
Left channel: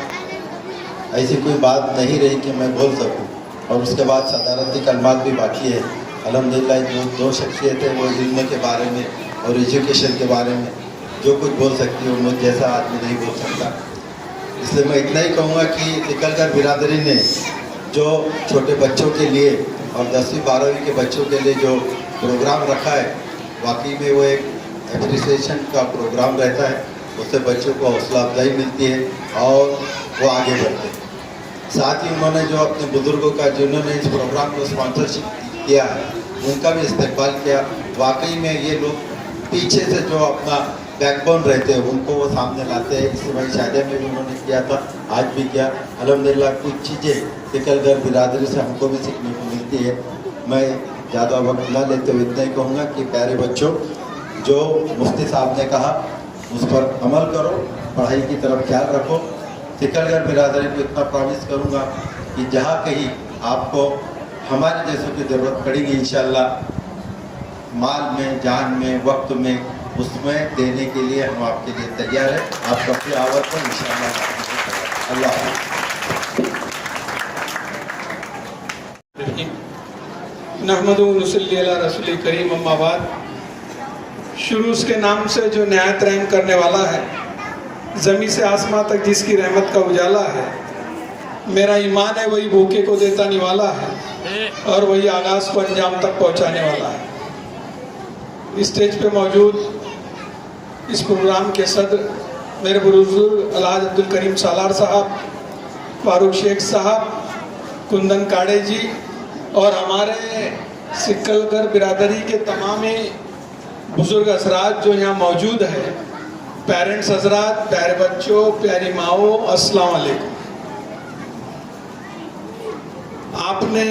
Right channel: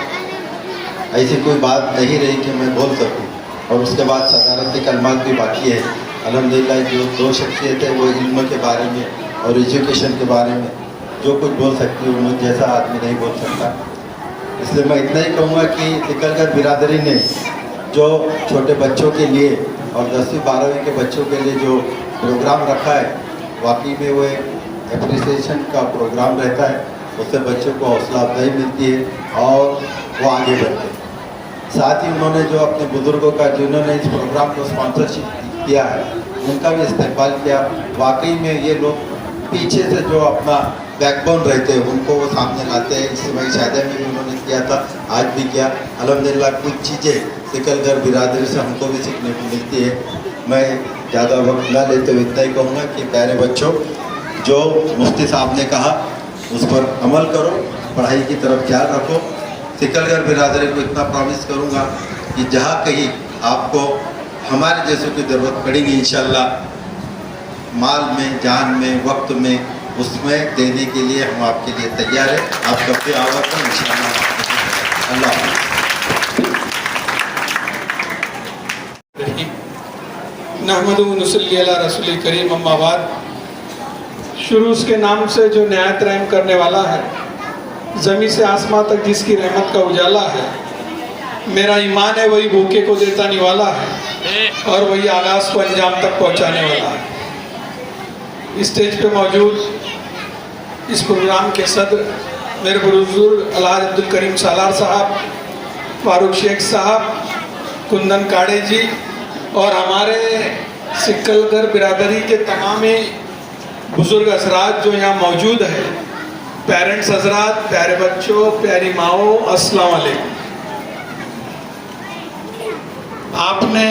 ऐसी कोई बात नहीं रही कि मैं बोल सकूं और उसके बाद सदारती कलमात भी बाकी है. अल्हम्दुलिल्लाह जो दो शख्सियतें वो इल्म के बारे में और एजुकेशन के बारे में जो कुछ बोल सकती है उन्हें जैसा आदमी नहीं बोल सकता. इसलिए मैं इतना ही कहूँगा कि तिकलगर बिरादरी ने जो छोटे बच्चों के लिए और 10वीं 12वीं के बच्चों के लिए जो प्रोग्राम रखा है वाकई में वो एक एप्रिसिएशन का प्रोग्राम रहता है. उससे बच्चों को हौसला अफजाई मिलती है और वो आगे बढ़ते हैं. साथ ही उन्होंने जो अपने बुज़ुर्गों का जिन्होंने इस प्रोग्राम को स्पॉन्सरशिप किया है उनका भी इस्तेमाल किया. वाकई में ये लोग पीछे से जो अपना बैकबोन रहते हैं उनको वो सामने लाते हैं. इसी भाई शादी में भी उन्होंने किया था, आज भी किया. अल्हम्दुलिल्लाह कुछ चीज़ें तिकलगर बिरादरी से हमको भी सीखने को मिलती है. मैं ज़्यादा वक्त न लेते हुए इतना ही कहूँगा कि प्यारे बच्चों, जो मुफ्ती साहब ने कहा उस पर अमल करो, पढ़ाई की तरफ ख्याल रखो. तिकलगर बिरादरी को इतना प्रॉमिस करूँगा कि जहाँ कहीं आपको हमारे जैसों की ज़रूरत पड़ेगी इंशाल्लाह माल में, जान में, वक्त में, उसमें देने के लिए हम आपके लिए तैयार हैं. आप सबके आवर पर इंशाल्लाह. अल्लाह नहमदु व नसल्ली अला रसूल करीम, अम्मा बाद. शुरू के नाम से जो निहायत रहम करने वाला है, ज़मीन से आसमां तक जिसकी रहमत का उजाला है. मेरा ईमान है वही भूखे को देता निवाला है और वही आगाज़ को अंजाम तक पहुंचाने वाला है. स्टेज पे मौजूद इस प्रोग्राम के सदर मेरे बुजुर्ग अलहाज अब्दुल करीम सालार साहब, फारूक शेख साहब, कुंदन काड़े जी और हमारे तिकलगर बिरादरी के तमाम बुजुर्ग हजरात जो यहाँ मौजूद है, पेरेंट्स हजरात, प्यारे बच्चों, प्यारी माओ, अस्सलाम वालेकुम. आपने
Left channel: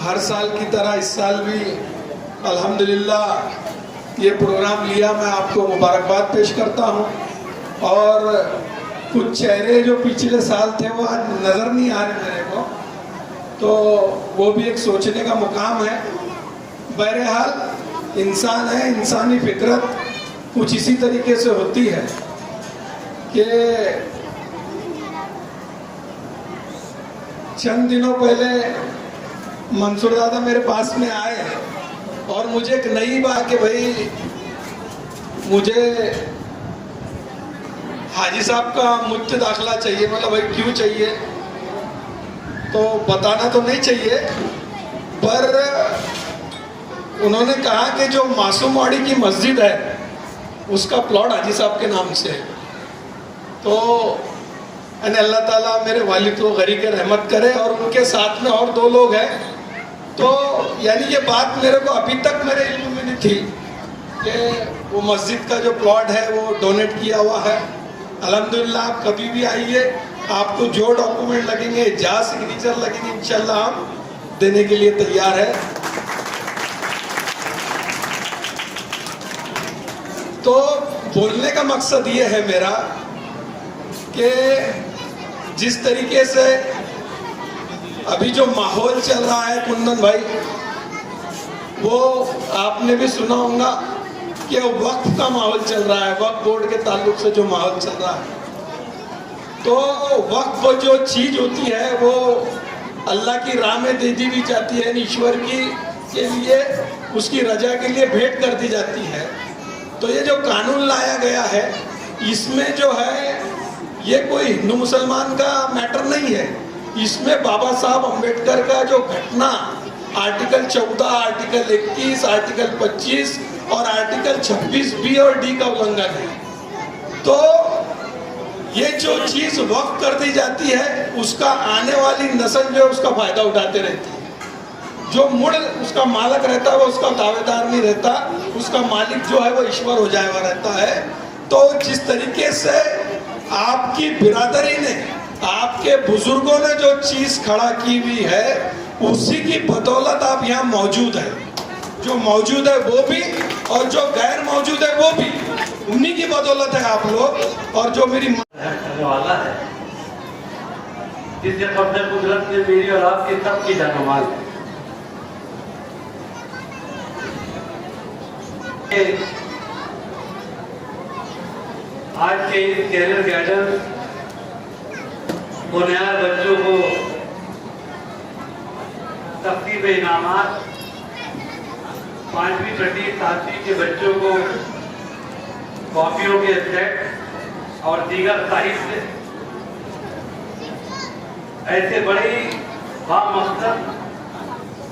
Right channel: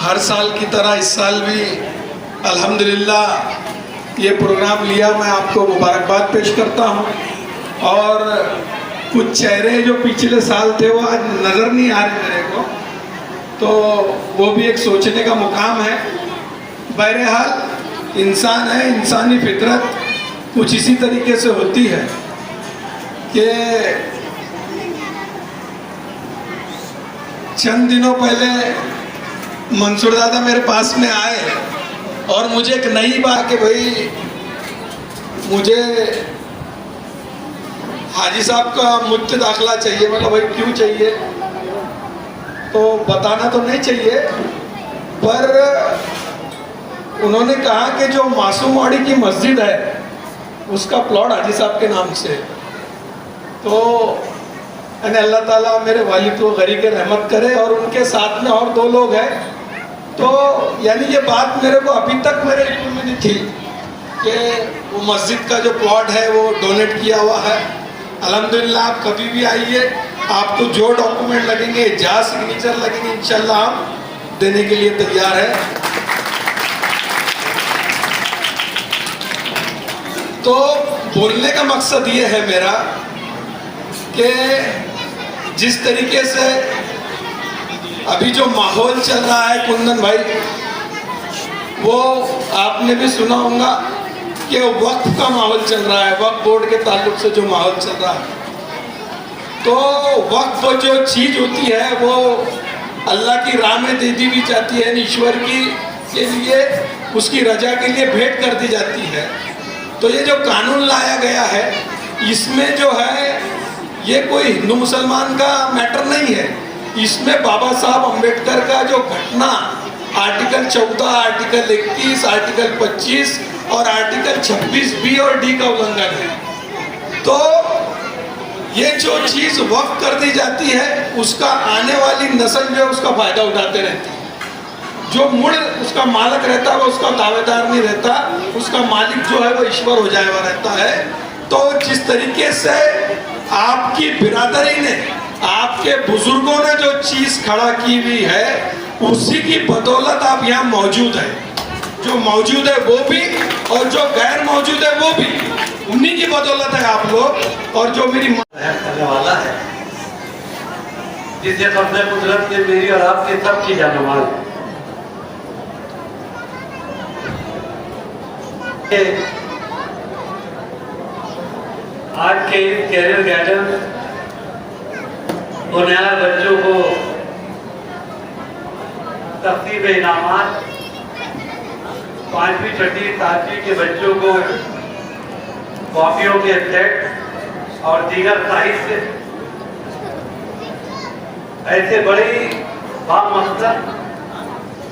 हर साल की तरह इस साल भी अल्हम्दुलिल्लाह ये प्रोग्राम लिया. मैं आपको मुबारकबाद पेश करता हूँ. और कुछ चेहरे जो पिछले साल थे वो आज नज़र नहीं आ रहे मेरे को, तो वो भी एक सोचने का मुकाम है. बहरहाल इंसान है, इंसानी फितरत कुछ इसी तरीके से होती है कि चंद दिनों पहले मंसूर दादा मेरे पास में आए और मुझे एक नई बात कि भाई मुझे हाजी साहब का मुफ्त दाखिला चाहिए. मतलब भाई क्यों चाहिए, तो बताना तो नहीं चाहिए, पर उन्होंने कहा कि जो मासूमवाड़ी की मस्जिद है उसका प्लॉट हाजी साहब के नाम से. तो अल्लाह ताला मेरे वालिद को गरीब के रहमत करे और उनके साथ में और 2 लोग हैं. तो यानी ये बात मेरे को अभी तक मेरे इल्म में नहीं थी कि वो मस्जिद का जो प्लॉट है वो डोनेट किया हुआ है. अल्हम्दुलिल्लाह आप कभी भी आइए, आपको जो डॉक्यूमेंट लगेंगे, जहाँ सिग्नेचर लगेंगे, इंशाल्लाह हम देने के लिए तैयार है. तो बोलने का मकसद ये है मेरा कि जिस तरीके से अभी जो माहौल चल रहा है कुंदन भाई, वो आपने भी सुना होगा कि वक्फ का माहौल चल रहा है. वक्फ बोर्ड के ताल्लुक से जो माहौल चल रहा है, तो वक्फ जो चीज़ होती है वो अल्लाह की राह में दे दी भी जाती है, ईश्वर की के लिए उसकी रजा के लिए भेंट कर दी जाती है। तो ये जो कानून लाया गया है इसमें जो है ये कोई हिंदू मुसलमान का मैटर नहीं है। इसमें बाबा साहब अम्बेडकर का जो घटना आर्टिकल 14, आर्टिकल 31, आर्टिकल 25 और आर्टिकल 26 बी और डी का उल्लंघन है। तो ये जो चीज वक्फ कर दी जाती है उसका आने वाली नस्ल जो है उसका फायदा उठाते रहती है। जो मुड़ उसका मालक रहता है वो उसका दावेदार नहीं रहता, उसका मालिक जो है वो ईश्वर हो जाए हुआ रहता है। तो जिस तरीके से आपकी बिरादरी ने, आपके बुजुर्गों ने जो चीज खड़ा की हुई है उसी की बदौलत आप यहाँ मौजूद है। जो मौजूद है वो भी और जो गैर मौजूद है वो भी, उन्हीं की बदौलत है आप लोग। और जो मेरी करने वाला है जिससे अपने कुदरत ने मेरी और आपके सबकी जाने वाली आज के कैरियर गाइडेंस बुनियाद बच्चों को तकसीम इनामात 5वीं 6वीं 7वीं के बच्चों को कॉपियों के सेट और दीगर साहित्य, ऐसे बड़ी बामकसद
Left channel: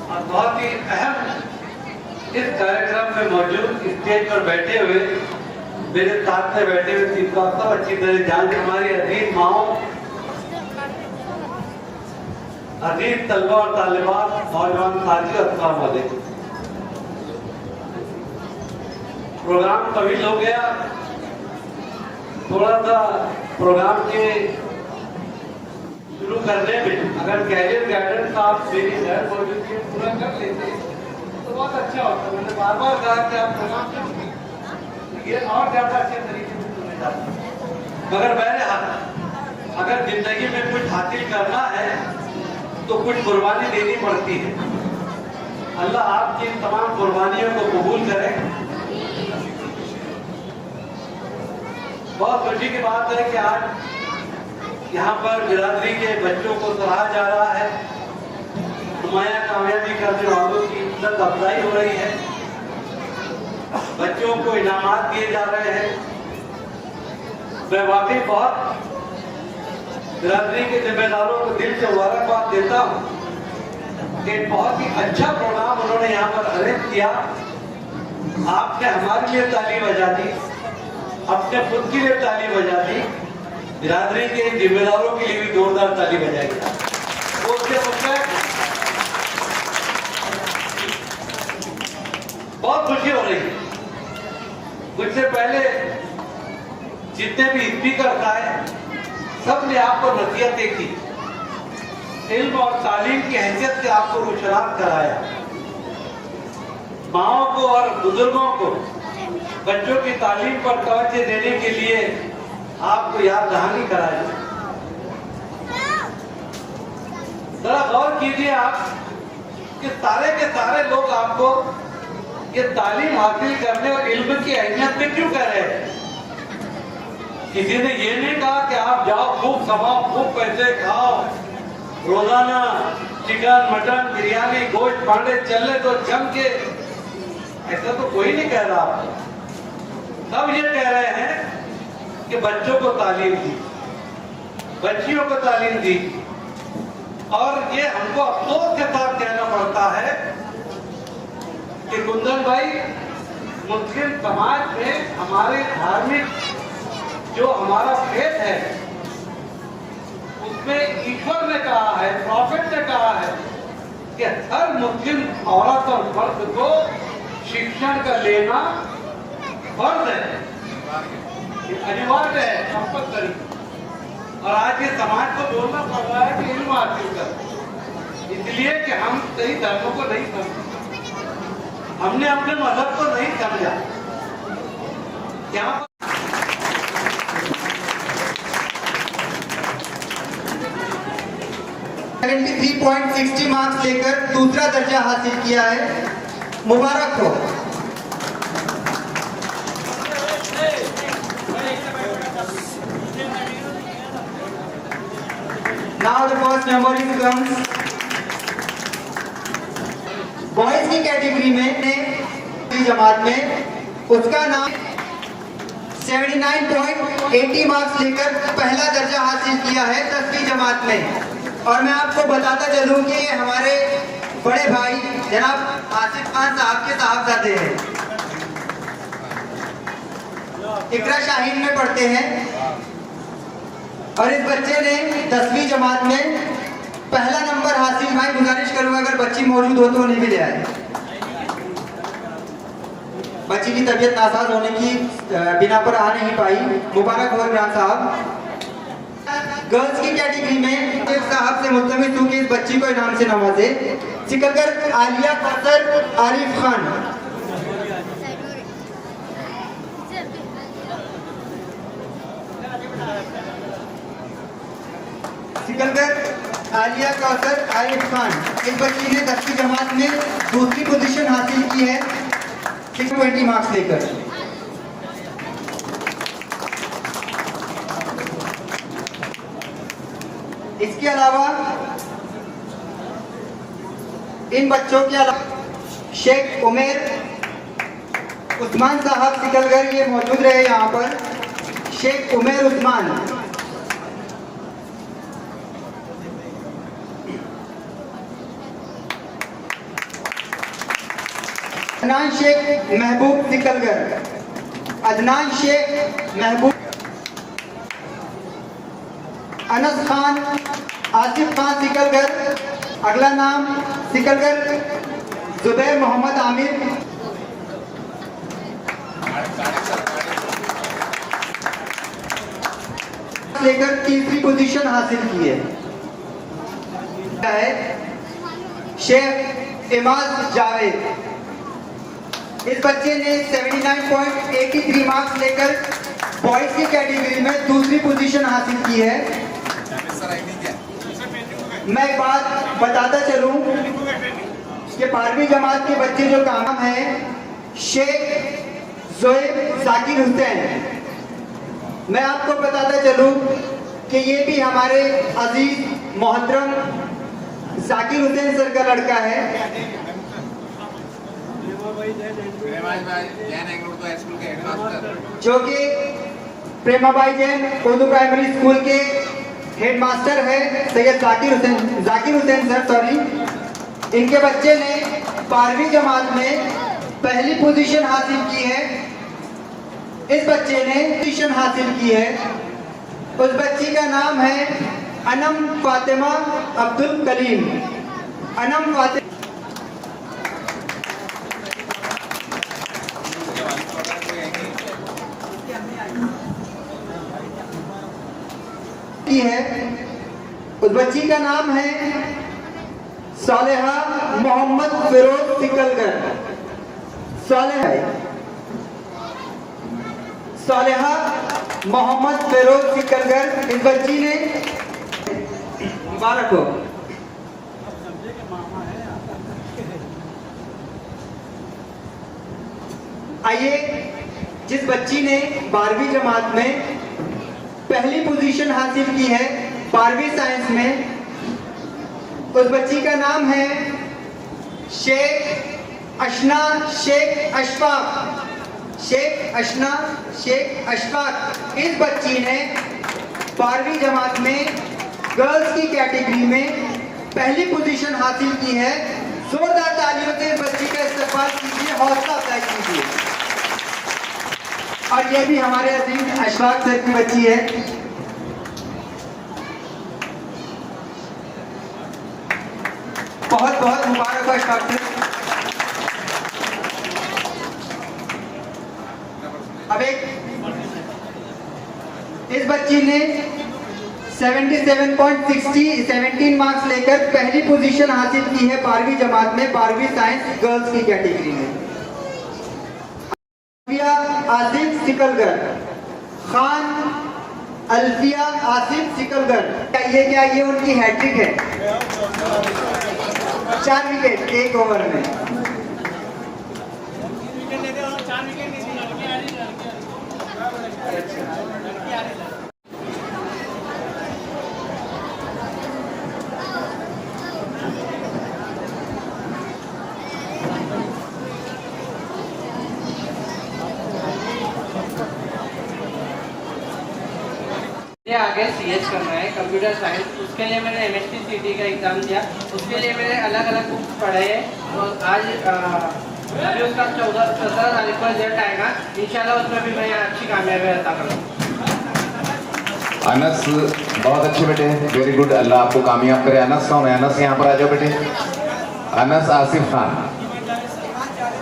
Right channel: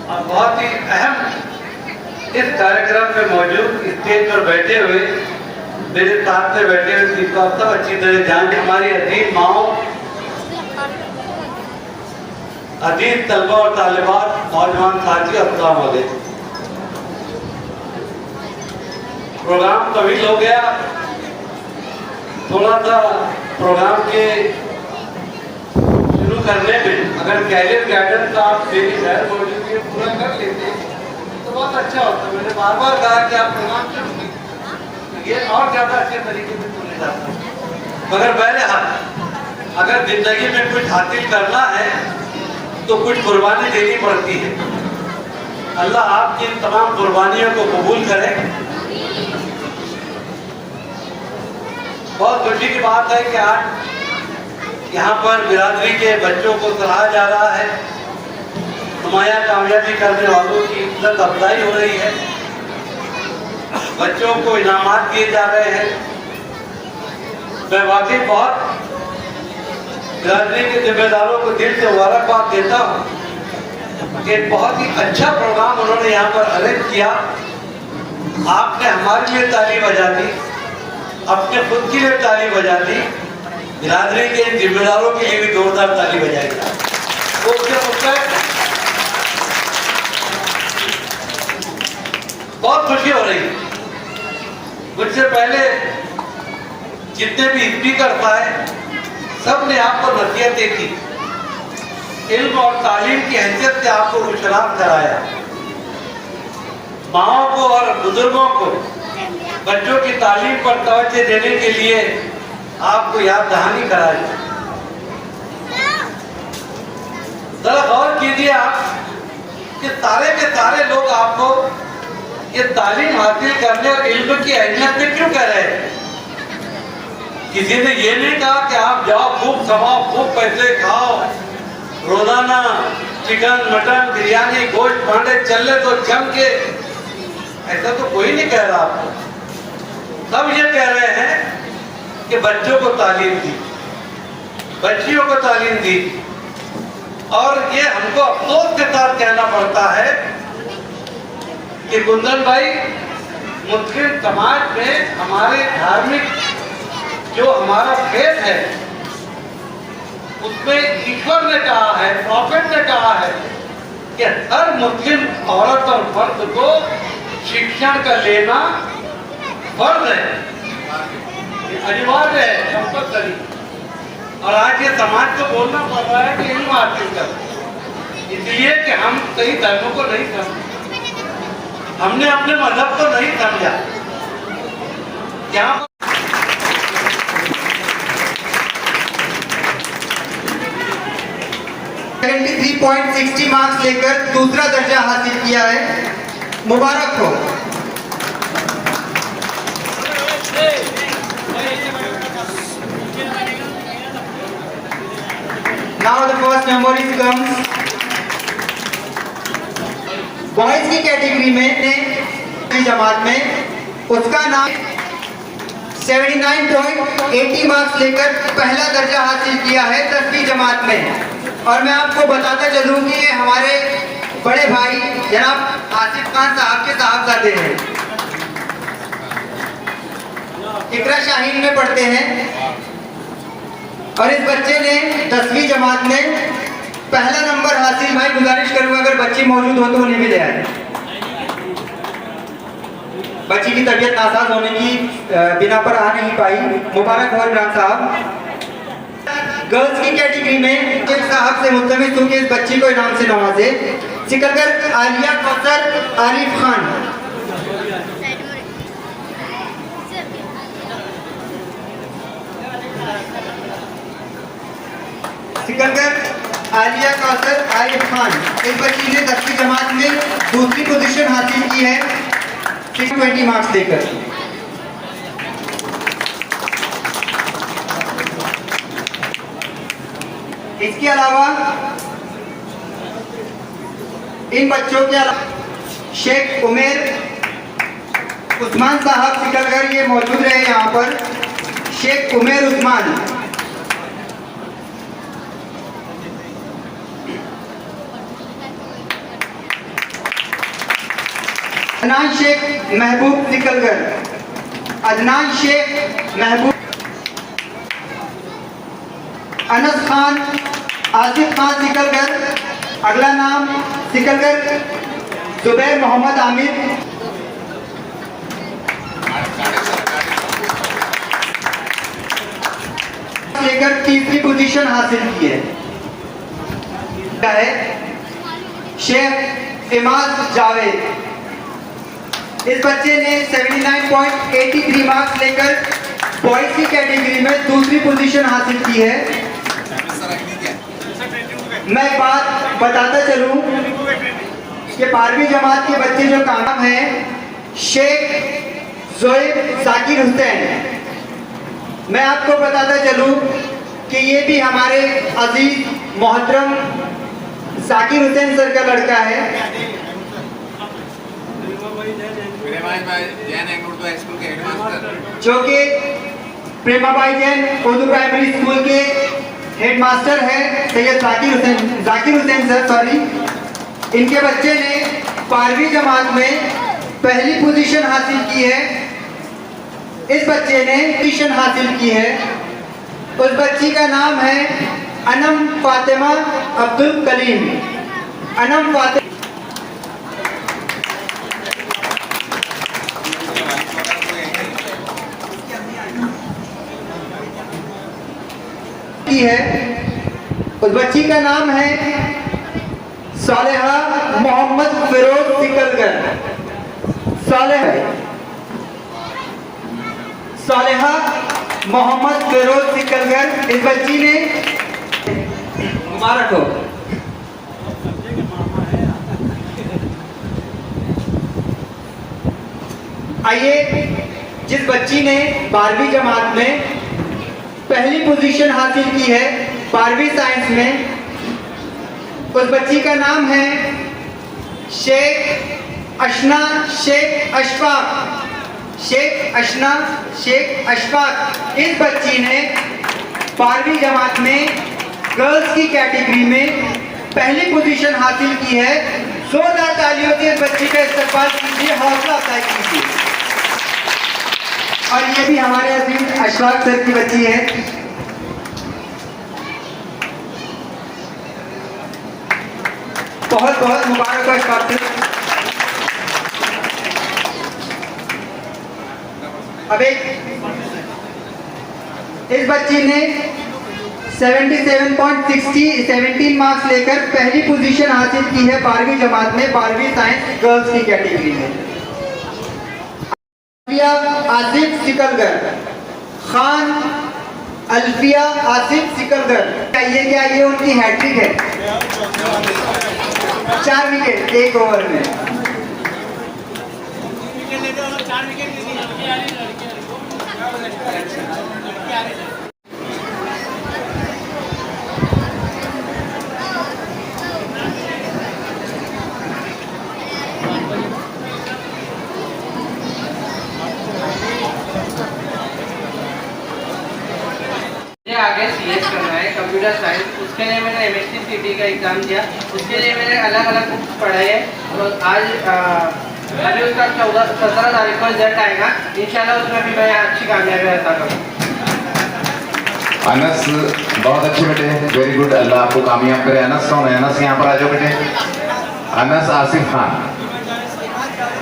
और बहुत ही अहम इस कार्यक्रम में मौजूद स्टेज पर बैठे हुए मेरे साथ में बैठे हुए तीनों सब अच्छी तरह ध्यान दें। हमारी अजीज माओ, अजीज तलबा और तालिबात, नौजवान साथी, अस्सलाम वालेकुम। प्रोग्राम तवील हो गया, थोड़ा सा प्रोग्राम के शुरू करने में अगर कैरियर गाइडेंस का आप मेरी गैर मौजूदगी पूरा कर लेते तो बहुत अच्छा होता। मैंने बार बार कहा कि आप प्रोग्राम शुरू कीजिए, ये और ज्यादा अच्छे तरीके से सुने जाते हैं। मगर बहरहाल अगर जिंदगी में कुछ हासिल करना है तो कुछ कुर्बानी देनी पड़ती है। अल्लाह आपकी इन तमाम कुर्बानियों को कबूल करे। बहुत खुशी की बात है कि आज यहाँ पर बिरादरी के बच्चों को सराहा जा रहा है, नुमाया कामयाबी करने वालों की इज्जत अफजाई हो रही है, बच्चों को इनामात दिए जा रहे हैं। मैं वाकई बहुत बिरादरी के जिम्मेदारों को दिल से मुबारकबाद देता हूँ कि बहुत ही अच्छा प्रोग्राम उन्होंने यहाँ पर अरेंज किया। आपने हमारे लिए ताली बजा दी, अपने खुद के लिए ताली बजा दी, बिरादरी के जिम्मेदारों के लिए भी जोरदार ताली बजाई। तो उससे बहुत खुशी हो रही है। मुझसे पहले जितने भी स्पीकर आए सब ने आपको नसीहतें की, इल्म और तालीम की हैसियत से आपको रुशनास कराया। माओ को और बुजुर्गों को बच्चों की तालीम पर तवज्जो देने के लिए आपको याद दहानी कराई। जरा गौर कीजिए आप कि सारे के सारे लोग आपको ये तालीम हासिल करने और इल्म की अहमियत में क्यों कह रहे हैं। किसी ने ये नहीं कहा कि आप जाओ खूब कमाओ, खूब पैसे खाओ, रोजाना चिकन मटन बिरयानी गोश्त पांडे चल रहे तो जम के, ऐसा तो कोई नहीं कह रहा आपको। सब ये कह रहे हैं कि बच्चों को तालीम दी, बच्चियों को तालीम दी। और ये हमको अफसोस के साथ कहना पड़ता है कि कुंदन भाई, मुस्लिम समाज में हमारे धार्मिक जो हमारा खेत है उसमें ईश्वर ने कहा है, प्रॉफेट ने कहा है कि हर मुस्लिम औरत और मर्द को शिक्षण का लेना फर्ज है, अनिवार्य है, कंपल्सरी। और आज ये समाज को बोलना पड़ रहा है कि इल्म हासिल कर, इसलिए कि हम कई धर्मों को नहीं समझे, हमने अपने मजहब को नहीं समझा। क्या 73.60 मार्क्स लेकर दूसरा दर्जा हासिल किया है, मुबारक हो। Now the first memory comes boys की कैटेगरी में ने जमात में उसका नाम 79.80 मार्क्स लेकर पहला दर्जा हासिल किया है 10वीं जमात में। और मैं आपको बताता चलूं कि ये हमारे बड़े भाई जनाब आसिफ खान साहब के साहबजादे हैं, इकरा शाहीन में पढ़ते हैं। और इस बच्चे ने 10वीं जमात में पहला नंबर हासिल, भाई गुजारिश करूंगा अगर बच्ची मौजूद हो तो उन्हें भी ले आए। बच्ची की तबीयत नासाज होने की बिना पर आ नहीं पाई। मुबारक हो इमरान साहब। गर्ल्स की कैटेगरी में शेख साहब से मुल्तमिस हूं कि इस बच्ची को इनाम से नवाजे। सिकंदर आलिया कौसर आरिफ खान। सिकंदर आलिया कौसर आरिफ खान, इस बच्ची ने 10वीं जमात में दूसरी पोजीशन हासिल की है 620 मार्क्स लेकर। इसके अलावा इन बच्चों के अलावा शेख उमेर उस्मान साहब सिकलगर ये मौजूद रहे यहाँ पर। शेख उमेर उस्मान, अदनान शेख महबूब सिकलगर, अदनान शेख महबूब, अनस खान आसिफ खान सिकलगर, अगला नाम सिकलगर जुबैर मोहम्मद आमिर। लेकर तीसरी पोजीशन हासिल की है शेख इमाद जावेद। इस बच्चे ने 79.83 मार्क्स लेकर बॉयज की कैटेगरी में दूसरी पोजीशन हासिल की है। मैं बात बताता चलूं कि 12वीं जमात के बच्चे जो कामयाब हैं शेख जोएब जाकिर हुसैन। मैं आपको बताता चलूं कि ये भी हमारे अजीज मोहतरम जाकिर हुसैन सर का लड़का है, जो कि प्रेमाबाई जैन उर्दू प्राइमरी स्कूल के हेडमास्टर है सैयद जाकिर हुसैन सर सॉरी। इनके बच्चे ने 12वीं जमात में पहली पोजीशन हासिल की है। इस बच्चे ने पोजीशन हासिल की है। उस बच्ची का नाम है अनम फातिमा अब्दुल कलीम। अनम फातिमा है। उस बच्ची का नाम है सालेहा मोहम्मद फिरोज सिकलगर। सालेहा मोहम्मद फिरोज सिकलगर, इस बच्ची ने मुबारक हो। आइए, जिस बच्ची ने 12वीं जमात में पहली पोजीशन हासिल की है 12वीं साइंस में, उस बच्ची का नाम है शेख अशना शेख अशफाक। शेख अशना शेख अशफाक, इस बच्ची ने 12वीं जमात में गर्ल्स की कैटेगरी में पहली पोजीशन हासिल की है। जोरदार तालियों से इस बच्ची का इस्तेमाल कीजिए, हौसला अफजाई कीजिए। और ये भी हमारे अजीज अशफाक सर की बच्ची है। बहुत बहुत मुबारक हो अशफाक सर। अब इस बच्ची ने 17 मार्क्स लेकर पहली पोजीशन हासिल की है 12वीं जमात में 12वीं साइंस गर्ल्स की कैटेगरी में। आसिफ सिकलगर खान, अल्फिया आसिफ सिकलगर, ये उनकी हैट्रिक है। 4 विकेट 1 ओवर में। CS करना है, कंप्यूटर साइंस। उसके लिए मैंने MSc CT का एग्ज़ाम दिया। उसके लिए मैंने अलग अलग बुक्स पढ़े हैं और आज अभी उसका 17 तारीख को रिजल्ट आएगा। इंशाल्लाह उसमें भी मैं अच्छी कामयाबी अता करूँगा। अनस बहुत अच्छे बेटे, वेरी गुड, अल्लाह आपको कामयाब करे। अनस कौन है? अनस यहाँ पर आ जाओ बेटे। अनस आसिफ खान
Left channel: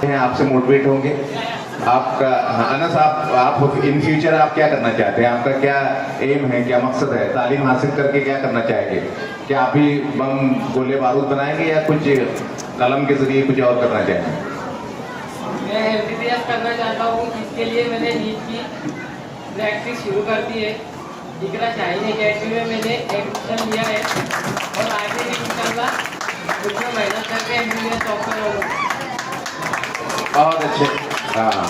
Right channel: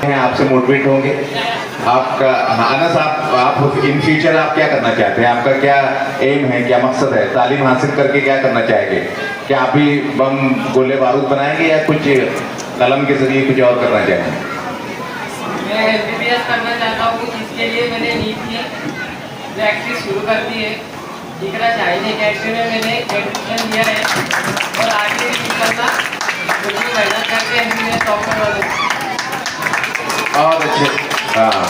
हैं, आपसे मोटिवेट होंगे। आपका अनस, आप इन फ्यूचर आप क्या करना चाहते हैं? आपका क्या एम है, क्या मकसद है? तालीम हासिल करके क्या करना चाहेंगे? क्या आप भी बम गोले बारूद बनाएंगे या कुछ कलम के जरिए कुछ और करना चाहेंगे? मैं MBBS करना चाहता हूँ। इसके लिए मैंने नीट की प्रैक्टिस शुरू कर दी है। इकरा शाहीन अकेडमी में मैंने एडमिशन लिया है और आगे इंशाल्लाह उसमें मेहनत करके मैं डॉक्टर बनूँगा। बहुत अच्छे। हाँ,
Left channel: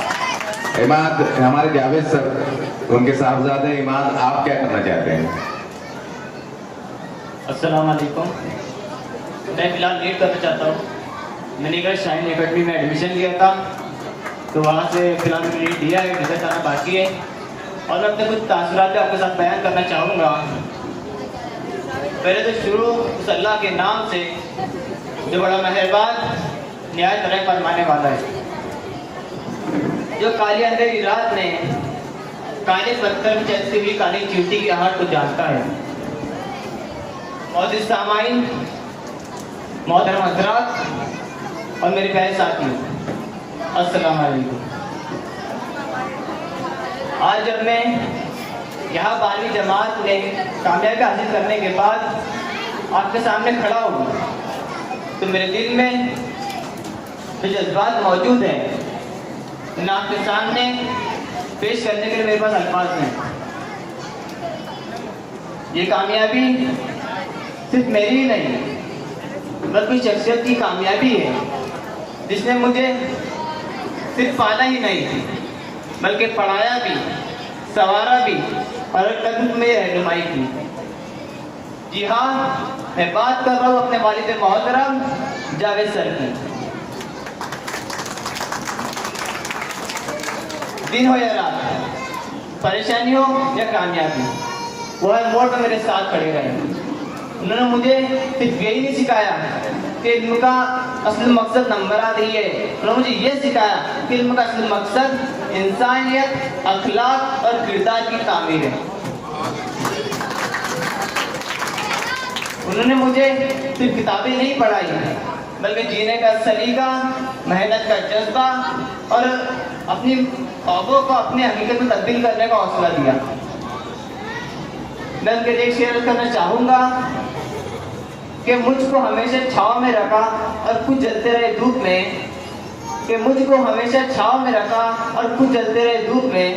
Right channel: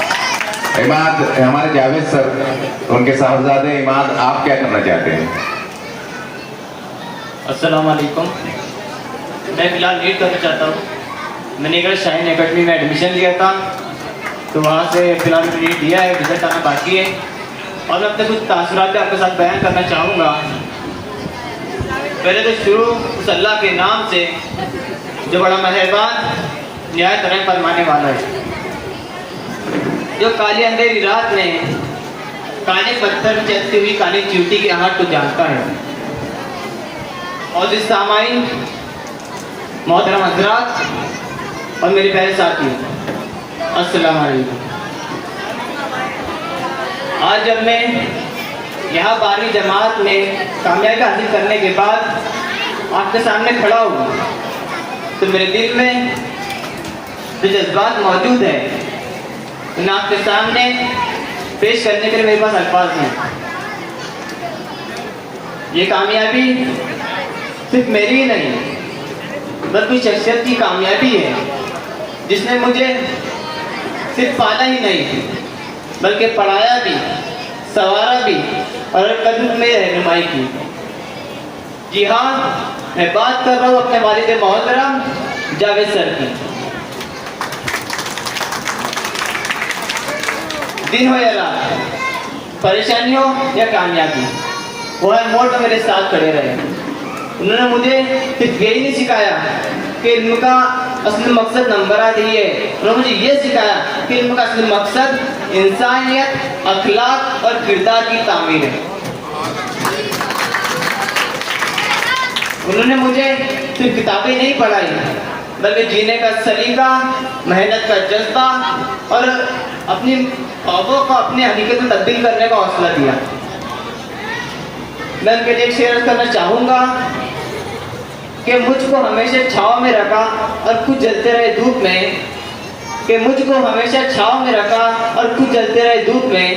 इमाद, हमारे जावेद सर, उनके साहबजादे इमाद, आप क्या करना चाहते हैं? अस्सलाम वालेकुम। मैं फिलहाल नीट करना चाहता हूँ। मैंने इकरा शाहीन अकेडमी में एडमिशन लिया था, तो वहाँ से फिलहाल मैंने नीट दिया है, रिजल्ट आना बाकी है। और मैं अपने कुछ तासुरात आपके साथ बयान करना चाहूँगा। पहले तो शुरू उस अल्लाह के नाम से जो बड़ा मेहरबान निहायत रहम फरमाने वाला है, जो काली अंधेरी रात में काले पत्थर में चलती हुई काली चींटी की आहट को जानता है। और जिस सामाइन, मोहतरम हज़रात और मेरे प्यारे साथी, अस्सलाम वालेकुम। आज जब मैं यहाँ 12वीं जमात में कामयाबी हासिल करने के बाद आपके सामने खड़ा हूँ, तो मेरे दिल में जो जज्बात मौजूद है उन्हें आपके सामने पेश करने के लिए मेरे पास अल्फाज हैं। ये कामयाबी सिर्फ मेरी ही नहीं बल्कि शख्सियत की कामयाबी है, जिसने मुझे सिर्फ पाना ही नहीं बल्कि पढ़ाया भी, सवारा भी और कदम में रहनुमाई की। जी हाँ, मैं बात कर रहा हूँ अपने वालिद मोहतरम जावेद सर की। दिन हो या रात, परेशानी हो या कामयाबी, वो हर मोड़ पर मेरे साथ खड़े रहे। उन्होंने मुझे सिर्फ यही नहीं सिखाया कि इल्म का असली मकसद नंबरात ही है, उन्होंने मुझे ये सिखाया कि इल्म का असली मकसद इंसानियत, अखलाक और किरदार की तामीर है। उन्होंने मुझे सिर्फ किताबें नहीं पढ़ाई बल्कि जीने का सलीका, मेहनत का जज्बा और अपनी ख्वाबों को अपनी हकीकत में तब्दील करने का हौसला दिया। मैं उनके लिए शेयर करना चाहूँगा कि मुझको हमेशा छाँव में रखा और खुद जलते रहे धूप में, कि मुझको हमेशा छाँव में रखा और खुद जलते रहे धूप में।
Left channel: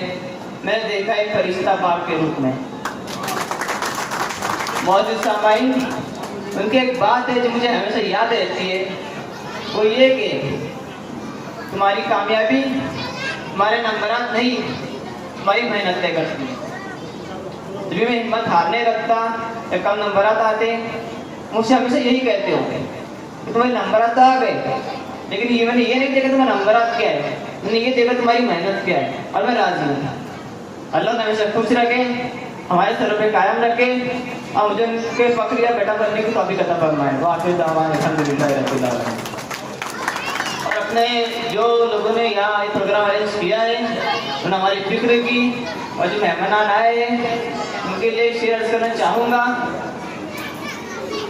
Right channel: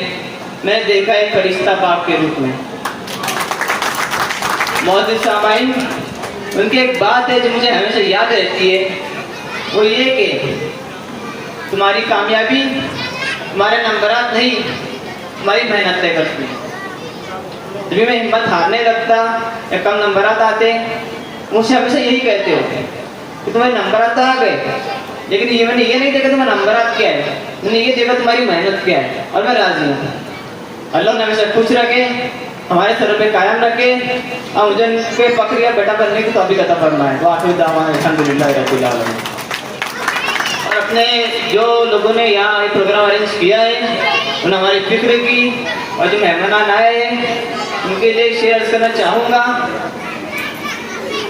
मैंने देखा एक फरिश्ता बाप के रूप में। मौजूद सामाइन, उनकी एक बात है जो मुझे हमेशा याद रहती है, वो ये कि तुम्हारी कामयाबी तुम्हारे नंबरात नहीं, तुम्हारी मेहनत तय करती है। जब भी मैं हिम्मत हारने लगता या कम नंबरात आते, मुझसे हमेशा यही कहते हो कि तुम्हारे नंबरात आ गए, लेकिन ये मैंने ये नहीं देखा तुम्हारा नंबरात क्या है, मैंने ये देखा तुम्हारी मेहनत क्या है। और मैं राजी हूँ। अल्लाह ने हमेशा खुश रखे, हमारे सर पे कायम रखे और मुझे उनके फक्रिया बेटा बनने की तौफीक अता फरमाए। वो आखिर दावा अल्हम्दुलिल्लाह रब्बिल आलमीन। और अपने जो लोगों ने यहाँ ये प्रोग्राम अरेंज किया है, उन्होंने हमारी फिक्र की और जो मेहमान आए हैं उनके लिए शेयर करना चाहूँगा।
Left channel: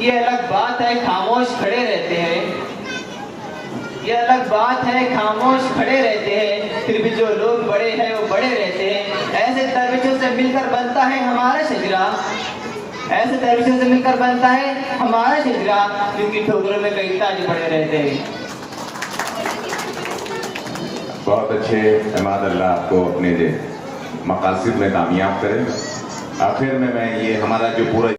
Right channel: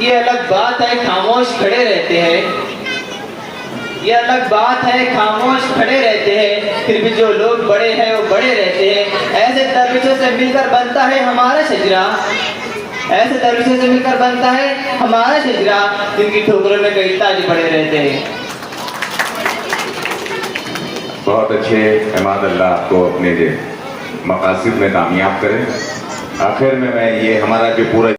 ये अलग बात है खामोश खड़े रहते हैं, ये अलग बात है खामोश खड़े रहते हैं, फिर भी जो लोग बड़े हैं वो बड़े रहते हैं। ऐसे दरविशों से मिलकर बनता है हमारा शजरा, ऐसे दरविशों से मिलकर बनता है हमारा शजरा, जिनकी ठोकरों में कई ताज पड़े रहते हैं। बहुत अच्छे इमाद, अल्लाह आपको अपने मकासद में कामयाब करे। आखिर में मैं ये हमारा जो पूरा